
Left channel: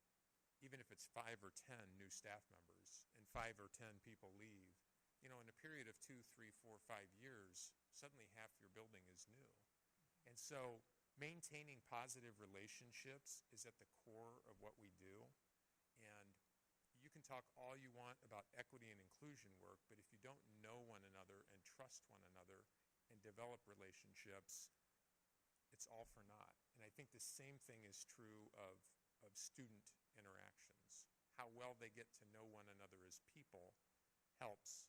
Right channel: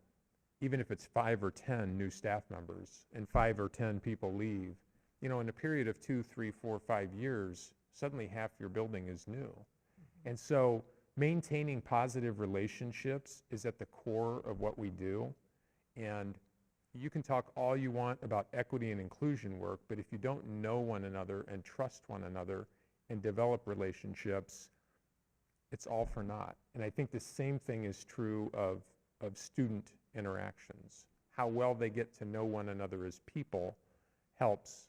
even if it's 5 or 10 new staff members, and 5 or 10 people leave, you know, in a period of 2, 3, 4, 5 years, suddenly half your building is new. Mm-hmm. And so maintaining positive relationships is at the core of what we do. And you can talk all you want about equity and inclusion work, but if you don't know one another and trust one another and develop relationships, it's all for naught. And I think the same thing is true of student interactions. How well they get to know one another as people helps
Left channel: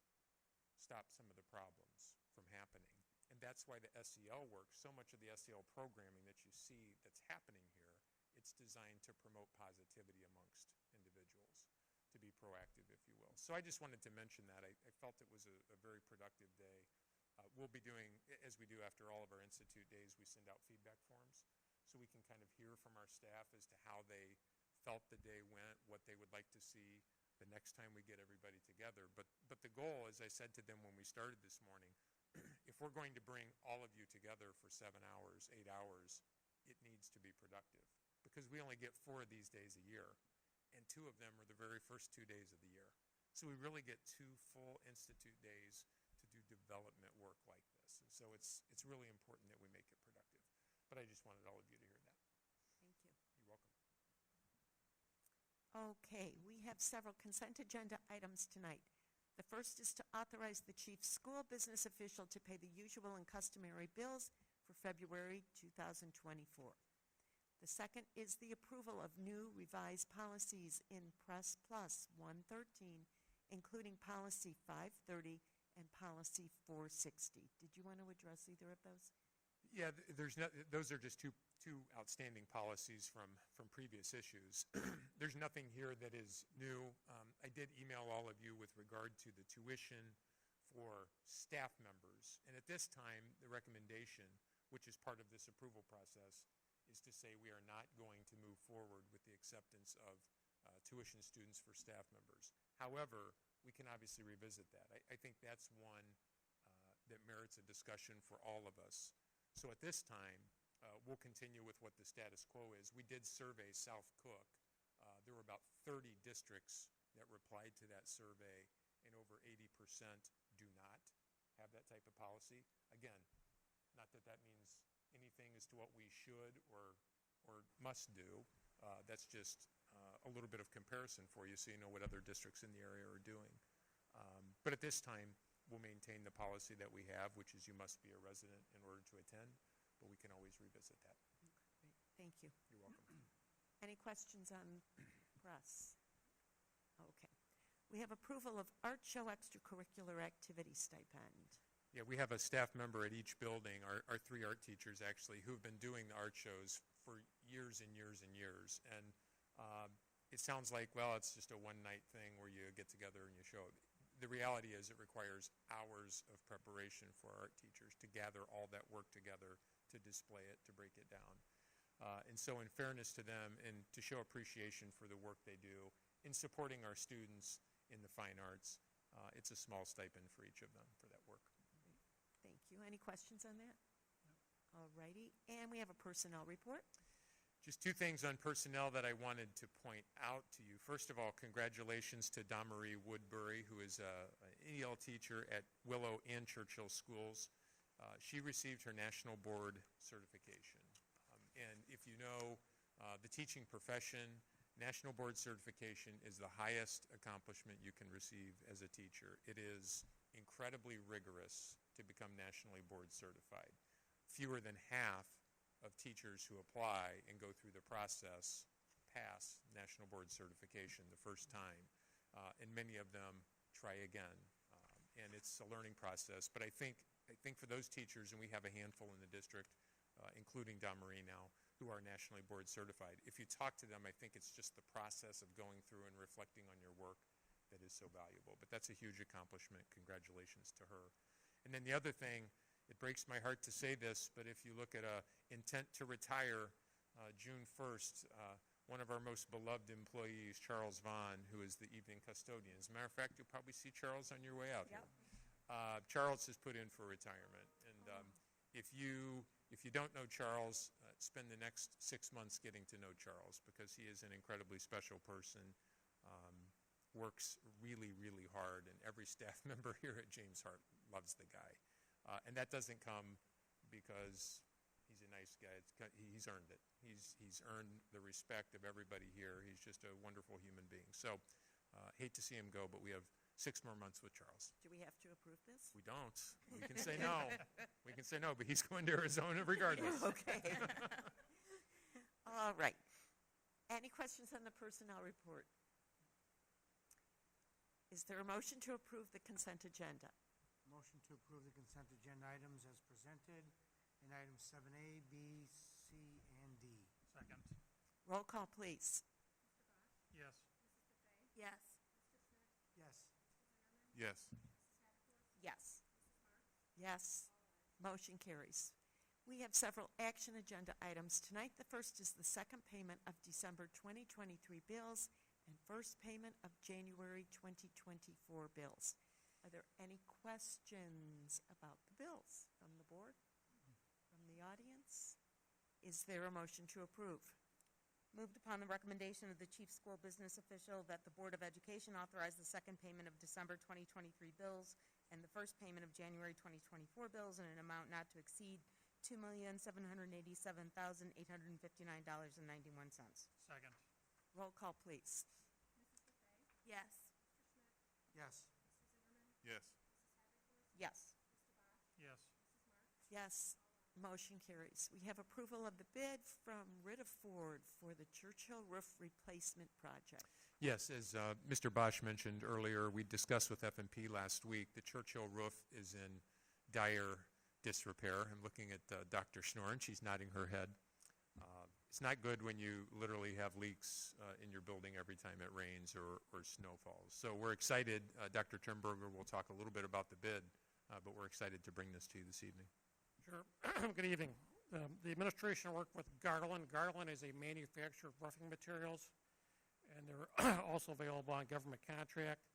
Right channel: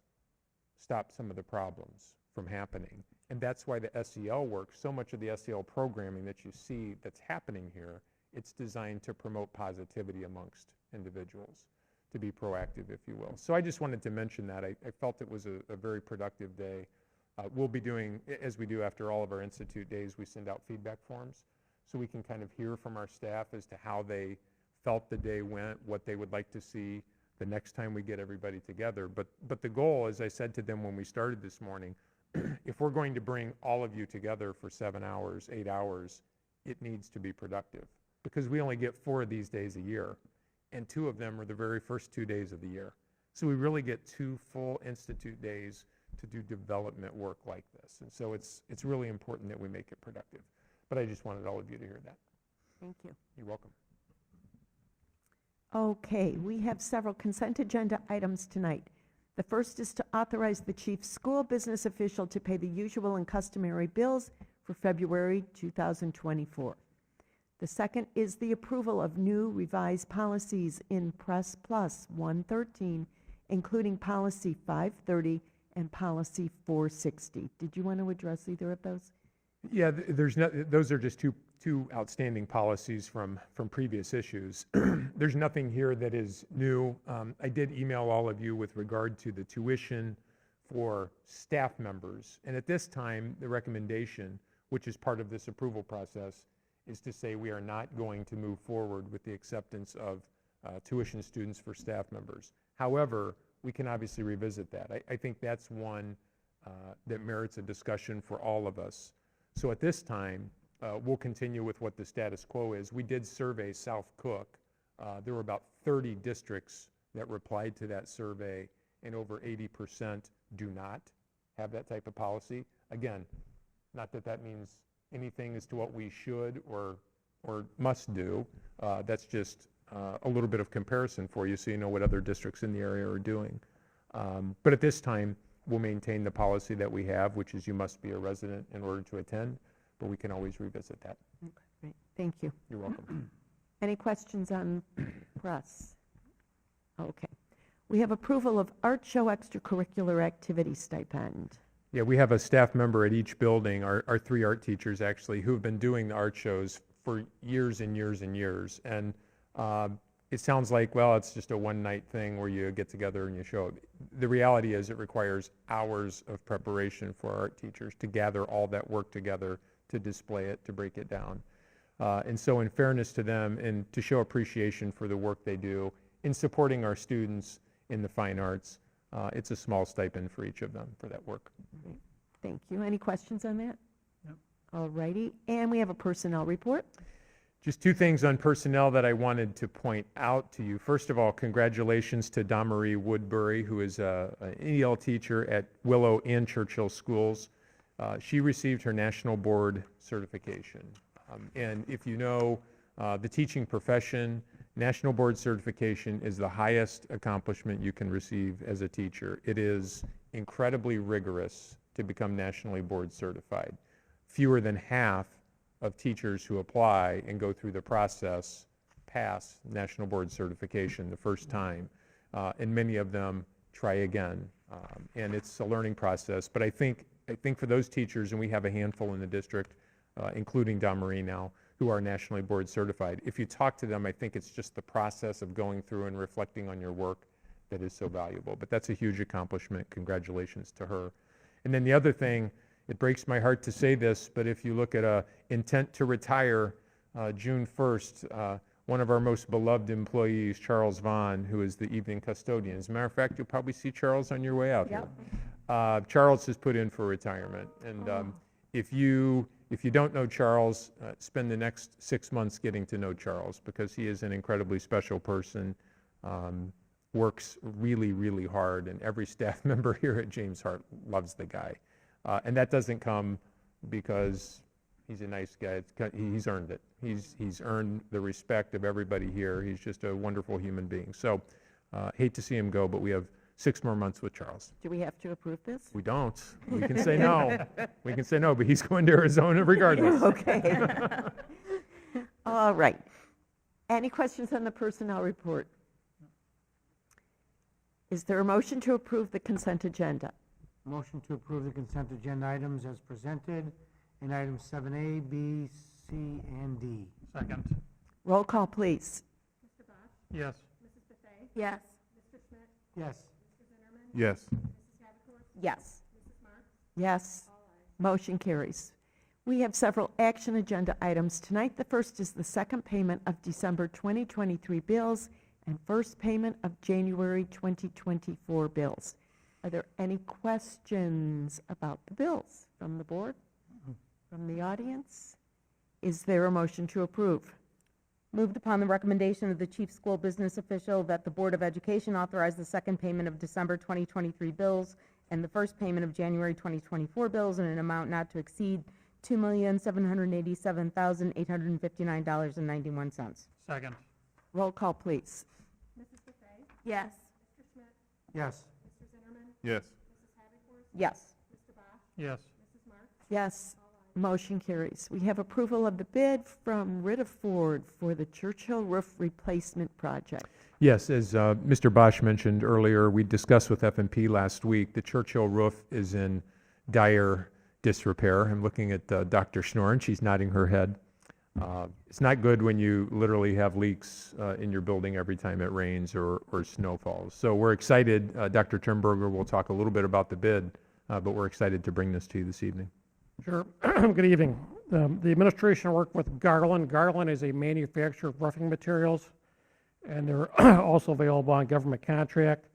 stop some of the problems from happening. And that's why the SEL work, so much of the SEL programming that you see that's happening here, it's designed to promote positivity amongst individuals, to be proactive, if you will. So I just wanted to mention that. I felt it was a very productive day. We'll be doing, as we do after all of our Institute days, we send out feedback forms so we can kind of hear from our staff as to how they felt the day went, what they would like to see the next time we get everybody together. But the goal, as I said to them when we started this morning, if we're going to bring all of you together for 7 hours, 8 hours, it needs to be productive, because we only get 4 of these days a year, and 2 of them are the very first 2 days of the year. So we really get 2 full Institute days to do development work like this. And so it's really important that we make it productive. But I just wanted all of you to hear that. Thank you. You're welcome. Okay, we have several consent agenda items tonight. The first is to authorize the chief school business official to pay the usual and customary bills for February 2024. The second is the approval of new revised policies in Press Plus 113, including Policy 530 and Policy 460. Did you want to address either of those? Yeah, those are just two outstanding policies from previous issues. There's nothing here that is new. I did email all of you with regard to the tuition for staff members. And at this time, the recommendation, which is part of this approval process, is to say we are not going to move forward with the acceptance of tuition students for staff members. However, we can obviously revisit that. I think that's one that merits a discussion for all of us. So at this time, we'll continue with what the status quo is. We did survey South Cook. There were about 30 districts that replied to that survey, and over 80% do not have that type of policy. Again, not that that means anything as to what we should or must do. That's just a little bit of comparison for you so you know what other districts in the area are doing. But at this time, we'll maintain the policy that we have, which is you must be a resident in order to attend, but we can always revisit that. Great, thank you. You're welcome. Any questions on press? Okay. We have approval of art show extracurricular activity stipend. Yeah, we have a staff member at each building, our 3 art teachers actually, who have been doing the art shows for years and years and years. And it sounds like, well, it's just a one-night thing where you get together and you show it. The reality is it requires hours of preparation for art teachers to gather all that work together, to display it, to break it down. And so in fairness to them and to show appreciation for the work they do in supporting our students in the fine arts, it's a small stipend for each of them for that work. Great. Thank you. Any questions on that? No. All righty. And we have a personnel report. Just 2 things on personnel that I wanted to point out to you. First of all, congratulations to Damarie Woodbury, who is an EL teacher at Willow and Churchill schools. She received her national board certification. And if you know the teaching profession, national board certification is the highest accomplishment you can receive as a teacher. It is incredibly rigorous to become nationally board certified. Fewer than half of teachers who apply and go through the process pass national board certification the first time, and many of them try again. And it's a learning process. But I think for those teachers, and we have a handful in the district, including Damarie now, who are nationally board certified, if you talk to them, I think it's just the process of going through and reflecting on your work that is so valuable. But that's a huge accomplishment. Congratulations to her. And then the other thing, it breaks my heart to say this, but if you look at a intent to retire June 1st, one of our most beloved employees, Charles Vaughn, who is the evening custodian. As a matter of fact, you'll probably see Charles on your way out here. Charles has put in for retirement. And if you don't know Charles, spend the next 6 months getting to know Charles, because he is an incredibly special person, works really, really hard, and every staff member here at James Hart loves the guy. And that doesn't come because he's a nice guy. He's earned it. He's earned the respect of everybody here. He's just a wonderful human being. So hate to see him go, but we have 6 more months with Charles. Do we have to approve this? We don't. We can say no. We can say no, but he's going to Arizona regardless. Okay. All right. Any questions on the personnel report? Is there a motion to approve the consent agenda? Motion to approve the consent agenda items as presented in items 7A, B, C, and D. Second. Roll call, please. Yes. Yes. Yes. Yes. Yes. Yes. Motion carries. We have several action agenda items tonight. The first is the second payment of December 2023 bills and first payment of January 2024 bills. Are there any questions about the bills from the board, from the audience? Is there a motion to approve? Moved upon the recommendation of the chief school business official that the Board of Education authorize the second payment of December 2023 bills and the first payment of January 2024 bills in an amount not to exceed $2,787,859.91. Second. Roll call, please. Yes. Yes. Yes. Yes. Yes. Yes, motion carries. We have approval of the bid from Ritter Ford for the Churchill Roof Replacement Project. Yes, as Mr. Bosch mentioned earlier, we discussed with F&P last week, the Churchill roof is in dire disrepair. I'm looking at Dr. Schnorr, and she's nodding her head. It's not good when you literally have leaks in your building every time it rains or snow falls. So we're excited. Dr. Turnberger will talk a little bit about the bid, but we're excited to bring this to you this evening. Sure. Good evening. The administration worked with Garland. Garland is a manufacturer of roofing materials, and they're also available on government contract.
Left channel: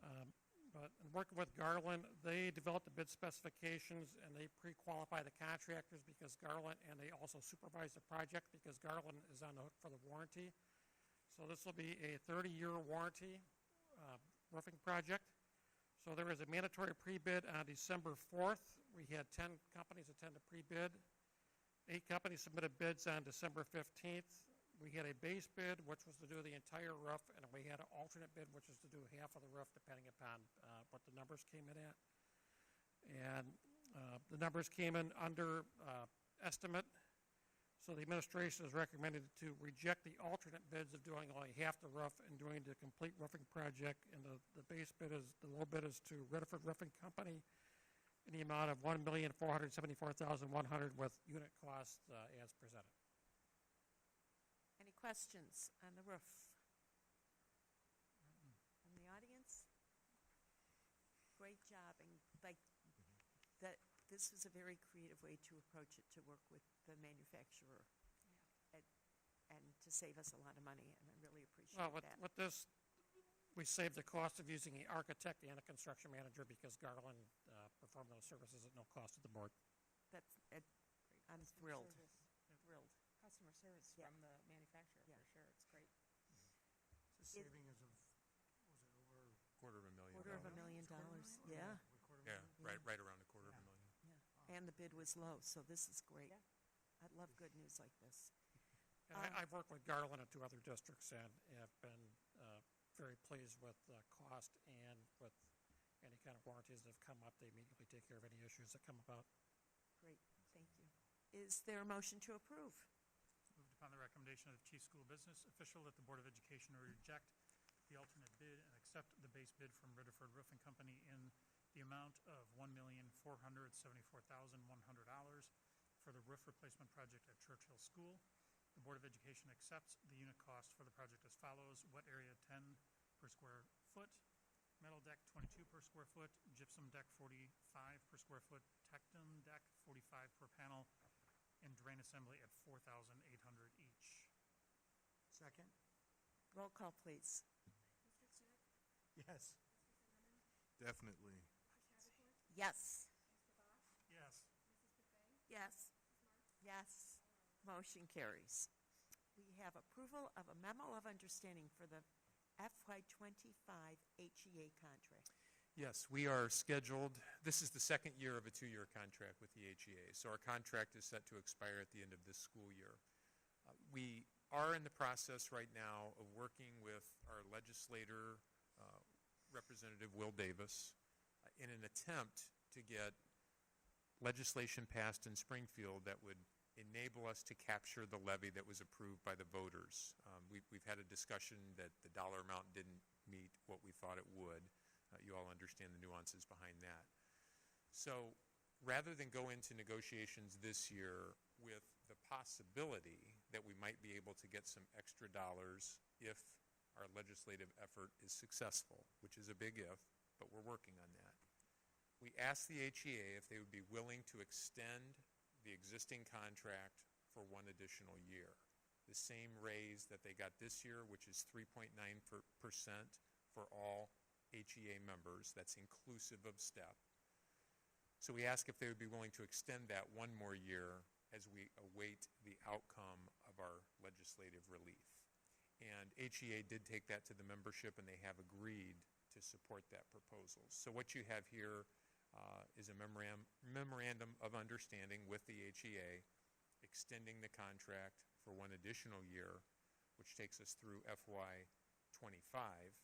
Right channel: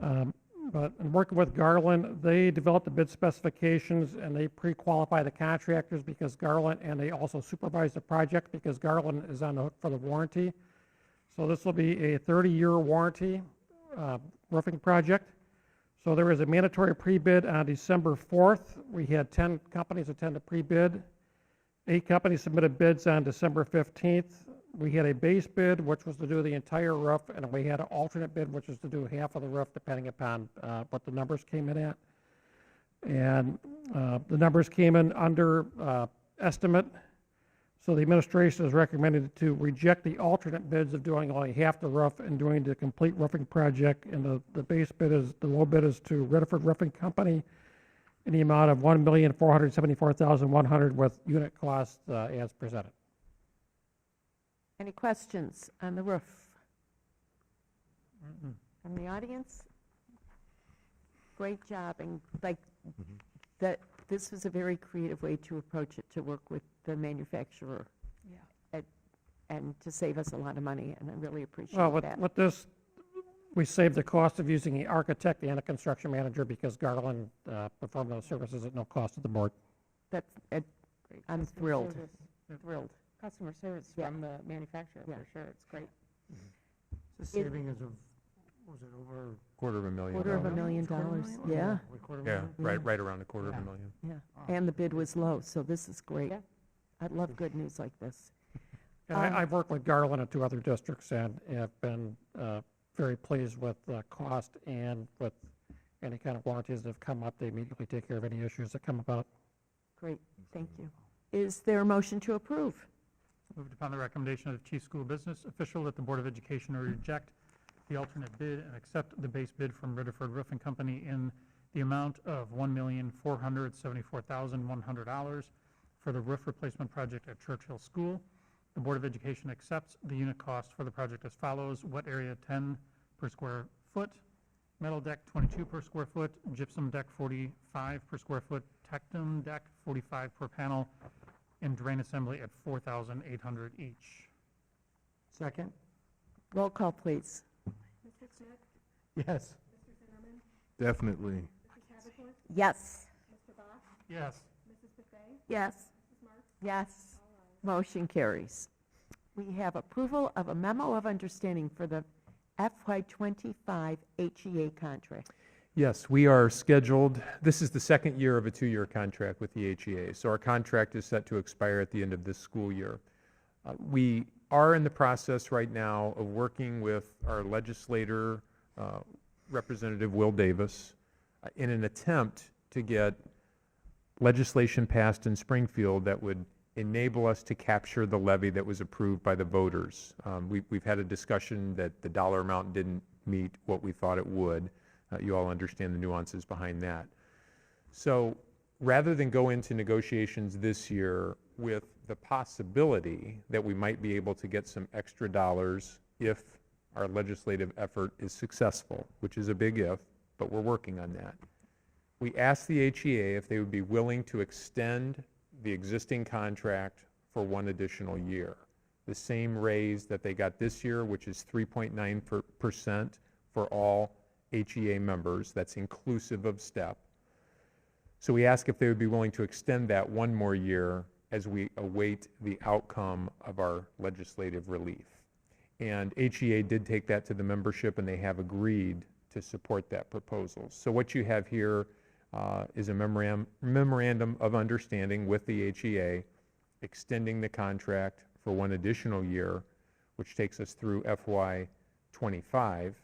But in working with Garland, they developed the bid specifications and they pre-qualify the contractors because Garland, and they also supervise the project because Garland is on the hook for the warranty. So this will be a 30-year warranty roofing project. So there was a mandatory pre-bid on December 4th. We had 10 companies attend the pre-bid. 8 companies submitted bids on December 15th. We had a base bid, which was to do the entire roof, and we had an alternate bid, which was to do half of the roof, depending upon what the numbers came in at. And the numbers came in under estimate. So the administration is recommended to reject the alternate bids of doing only half the roof and doing the complete roofing project. And the base bid is, the low bid is to Redford Roofing Company in the amount of $1,474,100 with unit cost as presented. Any questions on the roof? From the audience? Great job, and that this was a very creative way to approach it, to work with the manufacturer. And to save us a lot of money, and I really appreciate Well, that. with this, we saved the cost of using the architect and a construction manager because Garland performed those services at no cost to the board. That's, I'm thrilled, thrilled. Customer service Yeah. from the manufacturer, Yeah. for sure, it's great. The saving is of, was it over? $250,000. $250,000, yeah, Yeah, right around $250,000. yeah. And the bid was low, so this is great. Yeah. I love good news like this. And I've worked with Garland in 2 other districts and have been very pleased with the cost and with any kind of warranties that have come up. They immediately take care of any issues that come about. Great, thank you. Is there a motion to approve? Moved upon the recommendation of the chief school business official that the Board of Education reject the alternate bid and accept the base bid from Ridderford Roofing Company in the amount of $1,474,100 for the roof replacement project at Churchill School. The Board of Education accepts the unit cost for the project as follows: wet area 10 per square foot, metal deck 22 per square foot, gypsum deck 45 per square foot, tectum deck 45 per panel, and drain assembly at $4,800 each. Second? Roll call, please. Yes. Definitely. Yes. Yes. Yes. Yes. Motion carries. We have approval of a memo of understanding for the FY25 HEA contract. Yes, we are scheduled, this is the second year of a 2-year contract with the HEA, so our contract is set to expire at the end of this school year. We are in the process right now of working with our legislator, Representative Will Davis, in an attempt to get legislation passed in Springfield that would enable us to capture the levy that was approved by the voters. We've had a discussion that the dollar amount didn't meet what we thought it would. You all understand the nuances behind that. So rather than go into negotiations this year with the possibility that we might be able to get some extra dollars if our legislative effort is successful, which is a big if, but we're working on that. We asked the HEA if they would be willing to extend the existing contract for 1 additional year. The same raise that they got this year, which is 3.9% for all HEA members, that's inclusive of STEP. So we ask if they would be willing to extend that 1 more year as we await the outcome of our legislative relief. And HEA did take that to the membership, and they have agreed to support that proposal. So what you have here is a memorandum of understanding with the HEA, extending the contract for one additional year, which takes us through FY '25,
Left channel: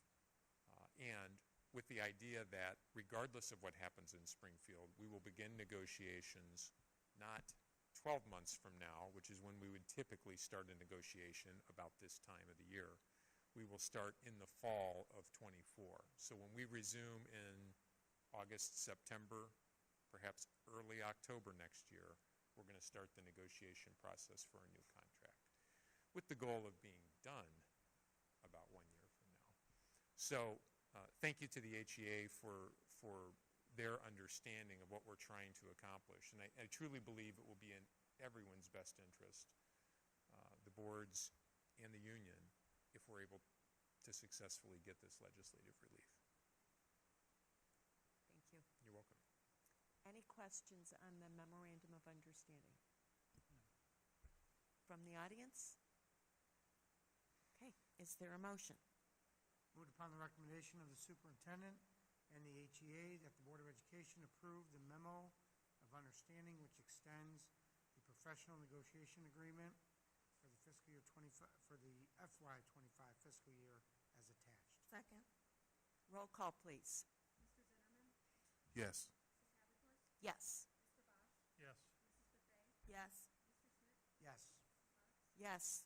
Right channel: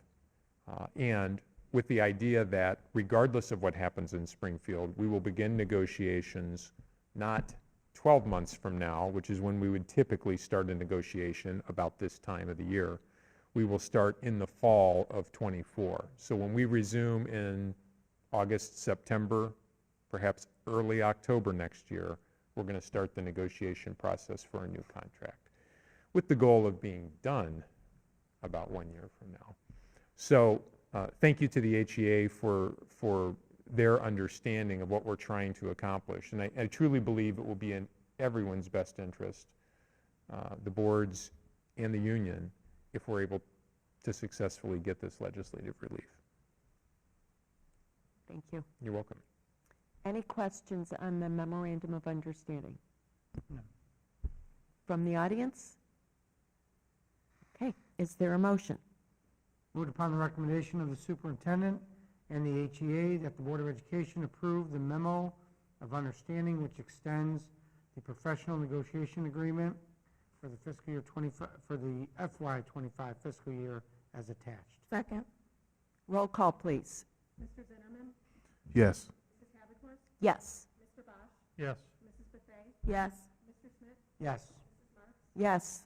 and with the idea that regardless of what happens in Springfield, we will begin negotiations not 12 months from now, which is when we would typically start a negotiation about this time of the year. We will start in the fall of '24. So when we resume in August, September, perhaps early October next year, we're going to start the negotiation process for a new contract, with the goal of being done about 1 year from now. So thank you to the HEA for their understanding of what we're trying to accomplish. And I truly believe it will be in everyone's best interest, the boards and the union, if we're able to successfully get this legislative relief. Thank you. You're welcome. Any questions on the memorandum of understanding? No. From the audience? Okay, is there a motion? Moved upon the recommendation of the superintendent and the HEA that the Board of Education approve the memo of understanding which extends the professional negotiation agreement for the fiscal year 25, for the FY '25 fiscal year as attached. Second. Roll call, please. Mr. Zimmerman? Yes. Mrs. Havercorp? Yes. Mr. Bosch? Yes. Mrs. Buffet? Yes. Mr. Smith? Yes. Yes.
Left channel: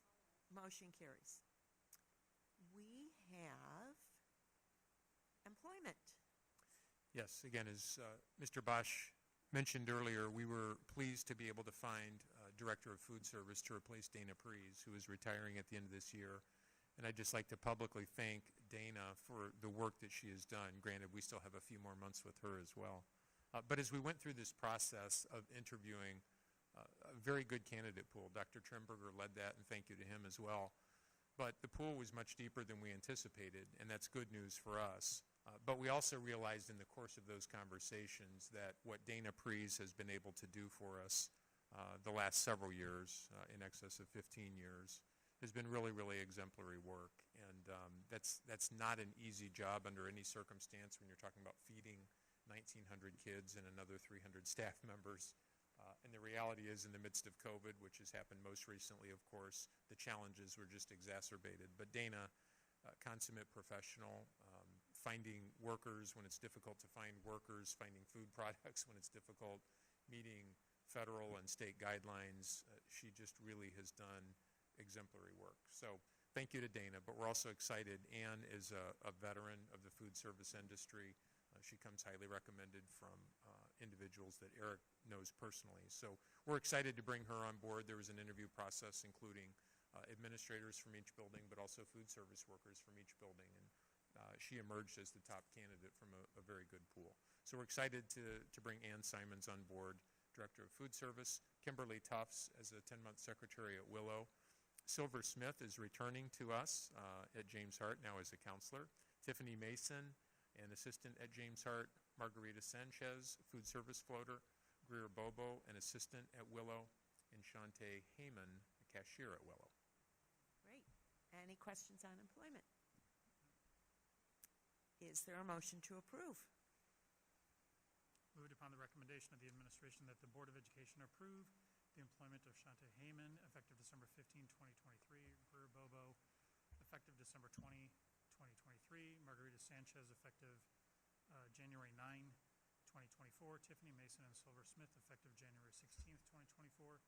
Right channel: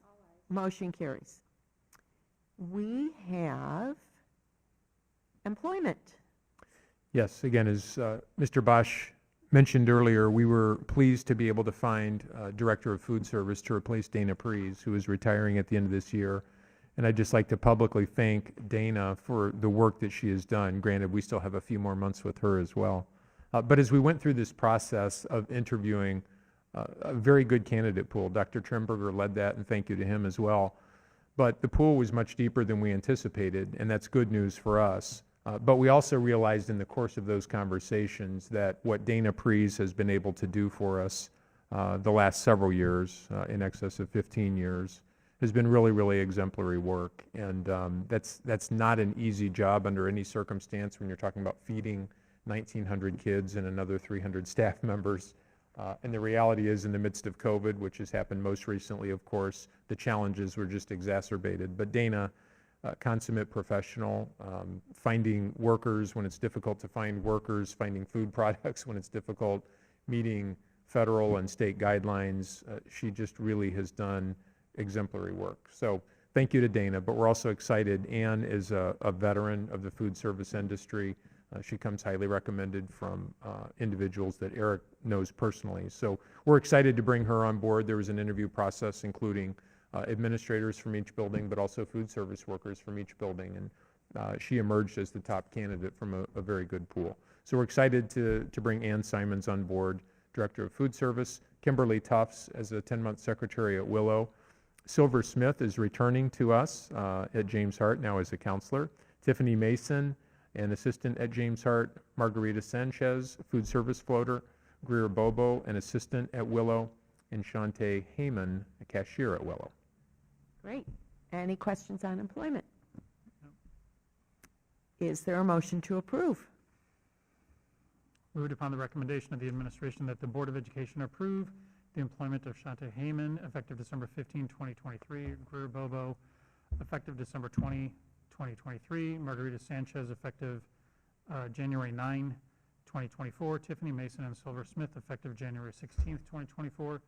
Motion carries. We have employment. Yes, again, as Mr. Bosch mentioned earlier, we were pleased to be able to find Director of Food Service to replace Dana Prees, who is retiring at the end of this year. And I'd just like to publicly thank Dana for the work that she has done. Granted, we still have a few more months with her as well. But as we went through this process of interviewing a very good candidate pool, Dr. Trimberger led that, and thank you to him as well. But the pool was much deeper than we anticipated, and that's good news for us. But we also realized in the course of those conversations that what Dana Prees has been able to do for us the last several years, in excess of 15 years, has been really, really exemplary work. And that's not an easy job under any circumstance when you're talking about feeding 1,900 kids and another 300 staff members. And the reality is, in the midst of COVID, which has happened most recently, of course, the challenges were just exacerbated. But Dana, consummate professional, finding workers when it's difficult to find workers, finding food products when it's difficult, meeting federal and state guidelines. She just really has done exemplary work. So thank you to Dana, but we're also excited. Ann is a veteran of the food service industry. She comes highly recommended from individuals that Eric knows personally. So we're excited to bring her on board. There was an interview process including administrators from each building, but also food service workers from each building. And she emerged as the top candidate from a very good pool. So we're excited to bring Ann Simons on board, Director of Food Service, Kimberly Tufts as a 10-month secretary at Willow. Silver Smith is returning to us at James Hart now as a counselor. Tiffany Mason, an assistant at James Hart. Margarita Sanchez, food service floater. Greer Bobo, an assistant at Willow. And Shante Heyman, a cashier at Willow. Great. Any questions on employment? Is there a motion to approve? Moved upon the recommendation of the administration that the Board of Education approve the employment of Shante Heyman, effective December 15, 2023, Greer Bobo, effective December 20, 2023, Margarita Sanchez, effective January 9, 2024, Tiffany Mason and Silver Smith, effective January 16, 2024,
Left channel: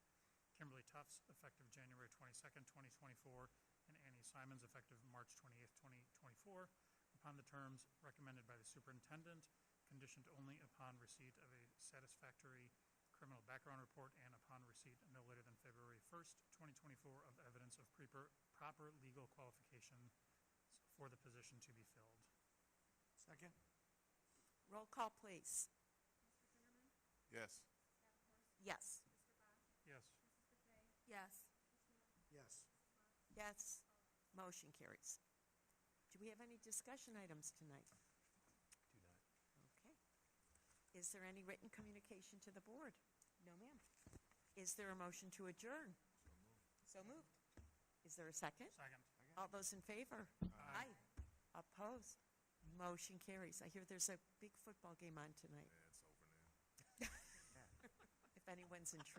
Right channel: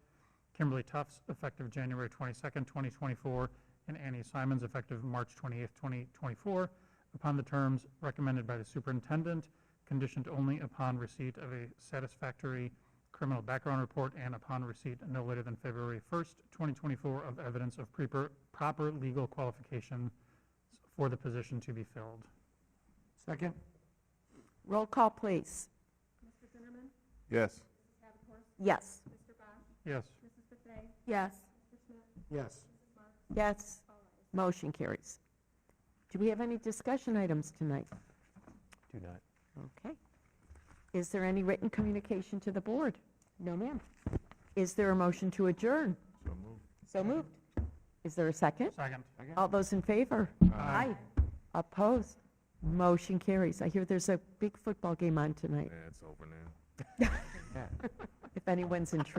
Kimberly Tufts, effective January 22, 2024, and Annie Simons, effective March 28, 2024, upon the terms recommended by the superintendent, conditioned only upon receipt of a satisfactory criminal background report and upon receipt no later than February 1st, 2024, of evidence of proper legal qualification for the position to be filled. Second? Roll call, please. Mr. Zimmerman? Yes. Mrs. Havercorp? Yes. Mr. Bosch? Yes. Mrs. Buffet? Yes. Mr. Smith? Yes. Yes. Motion carries. Do we have any discussion items tonight? Do not. Okay. Is there any written communication to the board? No, ma'am. Is there a motion to adjourn? So moved. So moved. Is there a second? Second. All those in favor? Aye. Opposed? Motion carries. I hear there's a big football game on tonight, Yeah, it's over now. if anyone's interested.